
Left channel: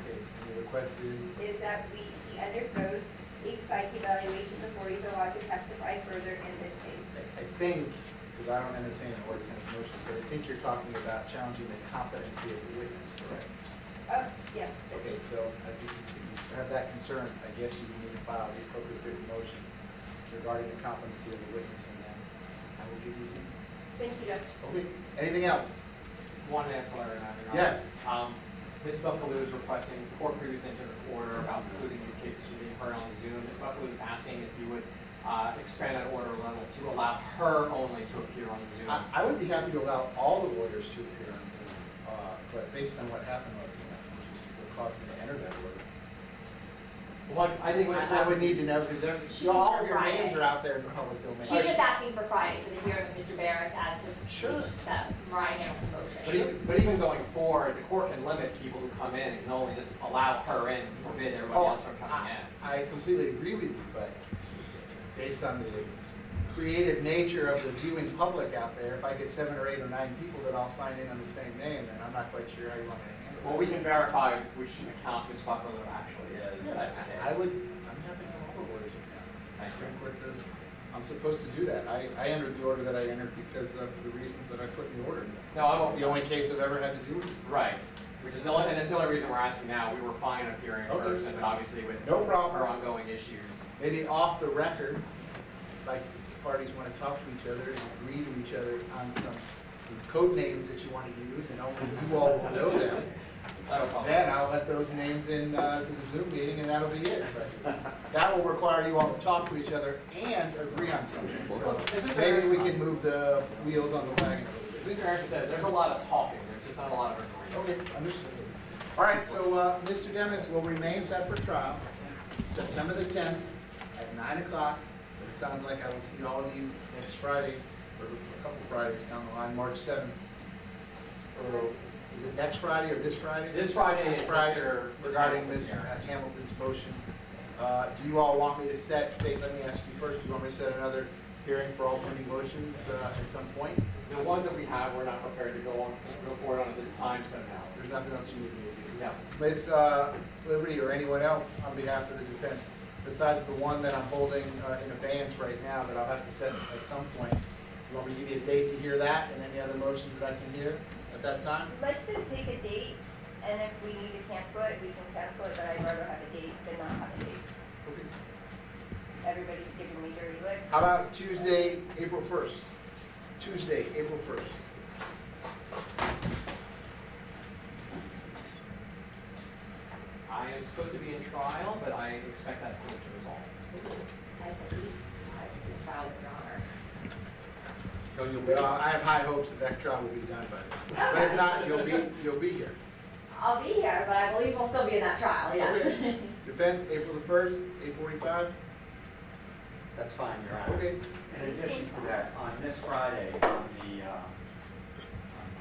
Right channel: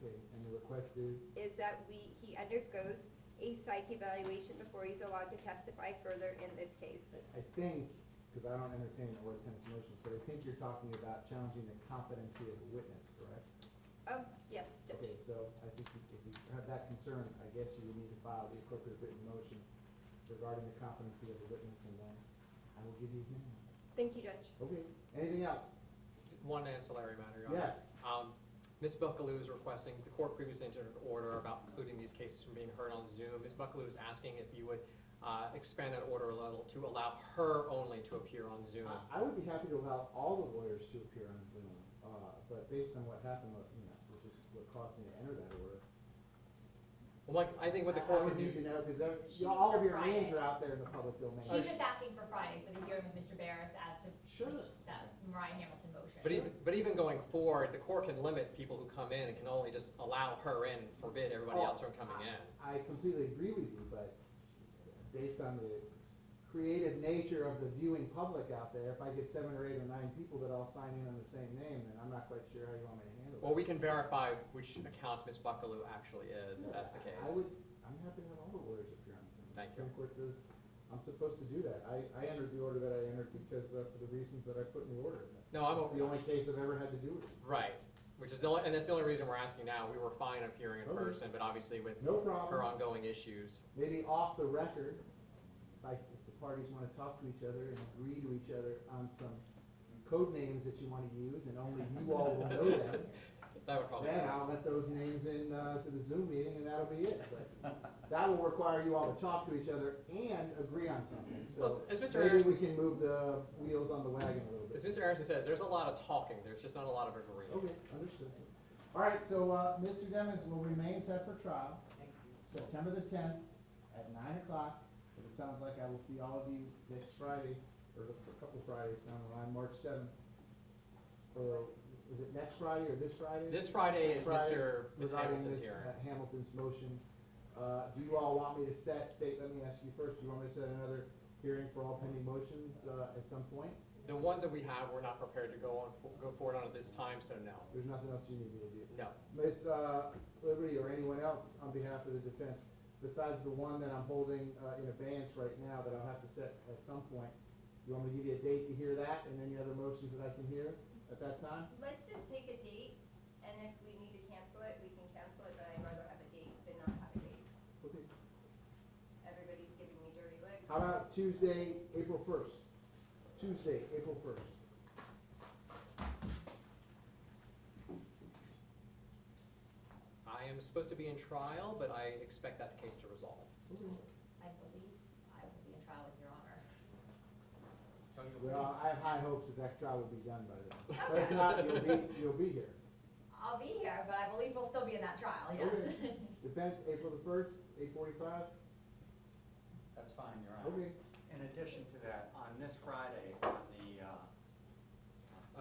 Okay, and the request is, Is that he undergoes a psych evaluation before he's allowed to testify further in this case. I think, because I don't entertain or tennis motions, but I think you're talking about challenging the competency of the witness, correct? Oh, yes. Okay, so I think if you have that concern, I guess you need to file the appropriate written motion regarding the competency of the witness, and then I will give you the. Thank you, Judge. Okay, anything else? One ancillary matter. Your Yes. Honor. Ms. Buckaloo is requesting, the court previously entered an order about including these cases being heard on Zoom. Ms. Buckaloo is asking if you would expand that order a little to allow her only to appear on Zoom. I would be happy to allow all the lawyers to appear on Zoom, but based on what happened, which is what caused me to enter that order. What, I think what. I would need to know, because She all of needs your her names Friday. are out there in the public domain. She's just asking for Friday for the hearing of Mr. Barris as to Sure. that Mariah Hamilton motion. But even going forward, the court can limit people who come in, and only just allow her in, forbid everybody else from coming in. I completely agree with you, but based on the creative nature of the viewing public out there, if I get 7 or 8 or 9 people that all sign in on the same name, then I'm not quite sure how you want me to handle it. Well, we can verify which account Ms. Buckaloo actually is, if that's the case. I'm happy to have all the lawyers' accounts. Thank you. Supreme Court says I'm supposed to do that. I entered the order that I entered because for the reasons that I put in the order. No, I It's the only case I've ever had to do with it. Right, which is the only, and it's the only reason we're asking now. We were fine appearing in Okay. person, but obviously with No problem. her ongoing issues. Maybe off the record, like if the parties want to talk to each other and agree to each other on some code names that you want to use, and only you all will know them. Then I'll let those names in to the Zoom meeting, and that'll be it. But that will require you all to talk to each other and agree on something. So maybe we can move the wheels on the wagon a little bit. Mr. Erickson said, there's a lot of talking, there's just not a lot of agreeing. Okay, understood. All right, so Mr. Demings will remain set for trial, September the 10th at 9 o'clock. It sounds like I will see all of you next Friday, or a couple Fridays down the line, March 7th. Or is it next Friday or this Friday? This Friday This is Friday, Mr. regarding Hamilton's Ms. hearing. Hamilton's motion. Do you all want me to set, let me ask you first, do you want me to set another hearing for all pending motions at some point? The ones that we have, we're not prepared to go forward on at this time, so no. There's nothing else you need me to do? No. Ms. Liberty or anyone else on behalf of the defense, besides the one that I'm holding in abeyance right now that I'll have to set at some point, you want me to give you a date to hear that and any other motions that I can hear at that time? Let's just take a date, and if we need to cancel it, we can cancel it, but I'd rather have a date than not have a date. Everybody's giving me dirty looks. How about Tuesday, April 1st? Tuesday, April 1st. I am supposed to be in trial, but I expect that case to resolve. I believe I have the trial with Your Honor. So well, I have high hopes that trial will be done by then. But if not, you'll be here. I'll be here, but I believe we'll still be in that trial, yes. Okay. Defense, April the 1st, 8:45? That's fine, Your Honor. Okay. In addition to that, on this Friday, on the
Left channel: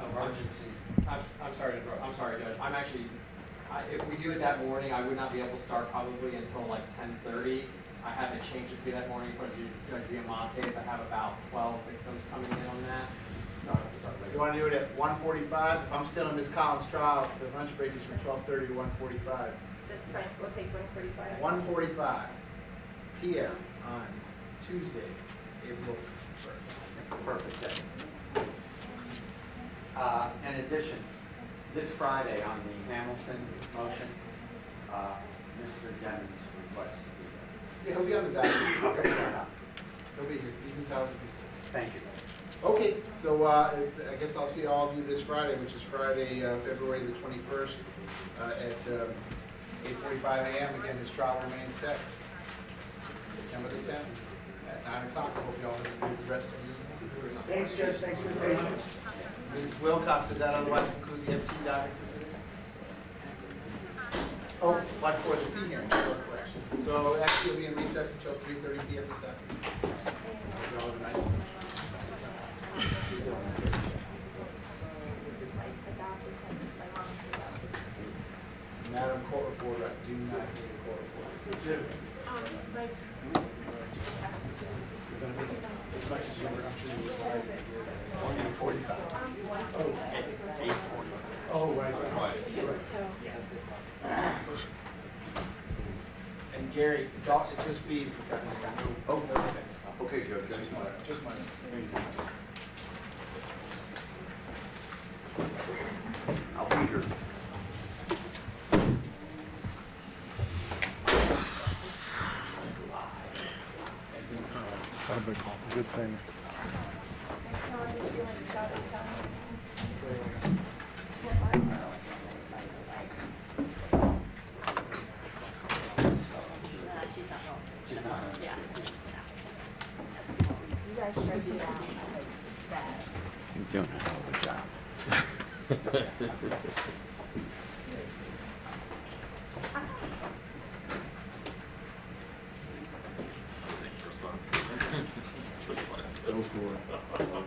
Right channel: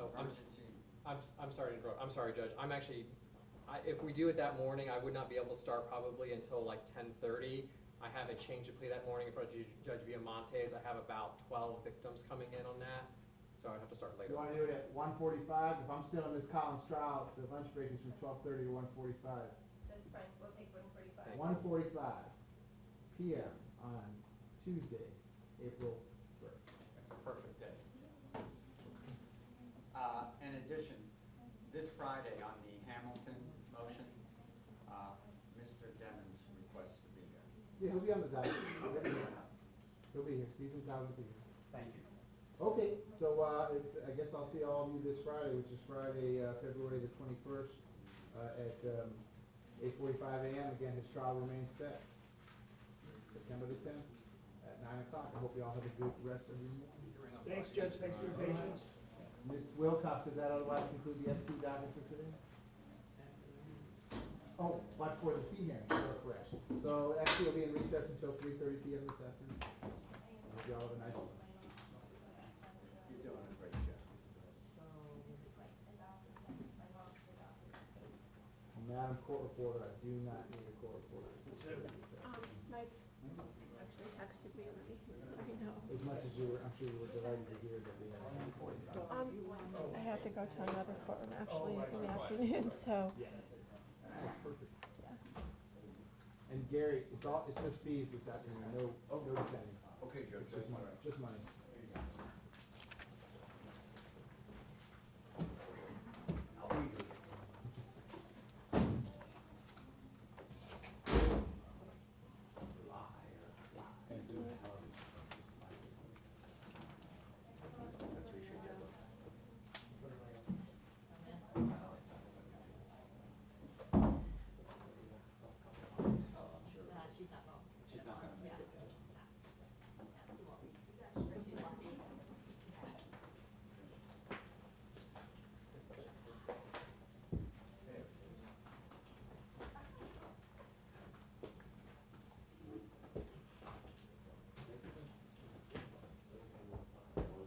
emergency, I'm sorry to interrupt, I'm sorry, Judge, I'm actually, if we do it that morning, I would not be able to start probably until like 10:30. I had to change it to that morning for Judge Diamante's, I have about 12 victims coming in on that. So I have to start You later. want to do it at 1:45? If I'm still in Ms. Collins' trial, the lunch break is from 12:30 to 1:45. That's fine, we'll take 1:45. 1:45 p.m. on Tuesday, April 1st. it's a perfect day. In addition, this Friday on the Hamilton motion, Mr. Demings requests to be there. Yeah, he'll be on the document. Okay, fair enough. He'll be here. He's in town. Thank you. Okay, so I guess I'll see all of you this Friday, which is Friday, February the 21st at 8:45 a.m. Again, this trial remains set. September the 10th at 9 o'clock. I hope you all have a good rest of your evening. Thanks, Judge, thanks for your patience. Ms. Wilcox, does that otherwise conclude the FT docket for today? Oh, but for the fee hearing, correction. So actually, it'll be in recess until 3:30 p.m. this afternoon. Hope you all have a nice evening. Madam Court Reporter, I do not need a court reporter. Jim. It's all, it's just fees this afternoon, no, no, Okay, Judge, just money, just money. I'll be here. Good thing. She's not home. Yeah. You guys sure do that. Bad. You're doing a hell of a job. Go for it.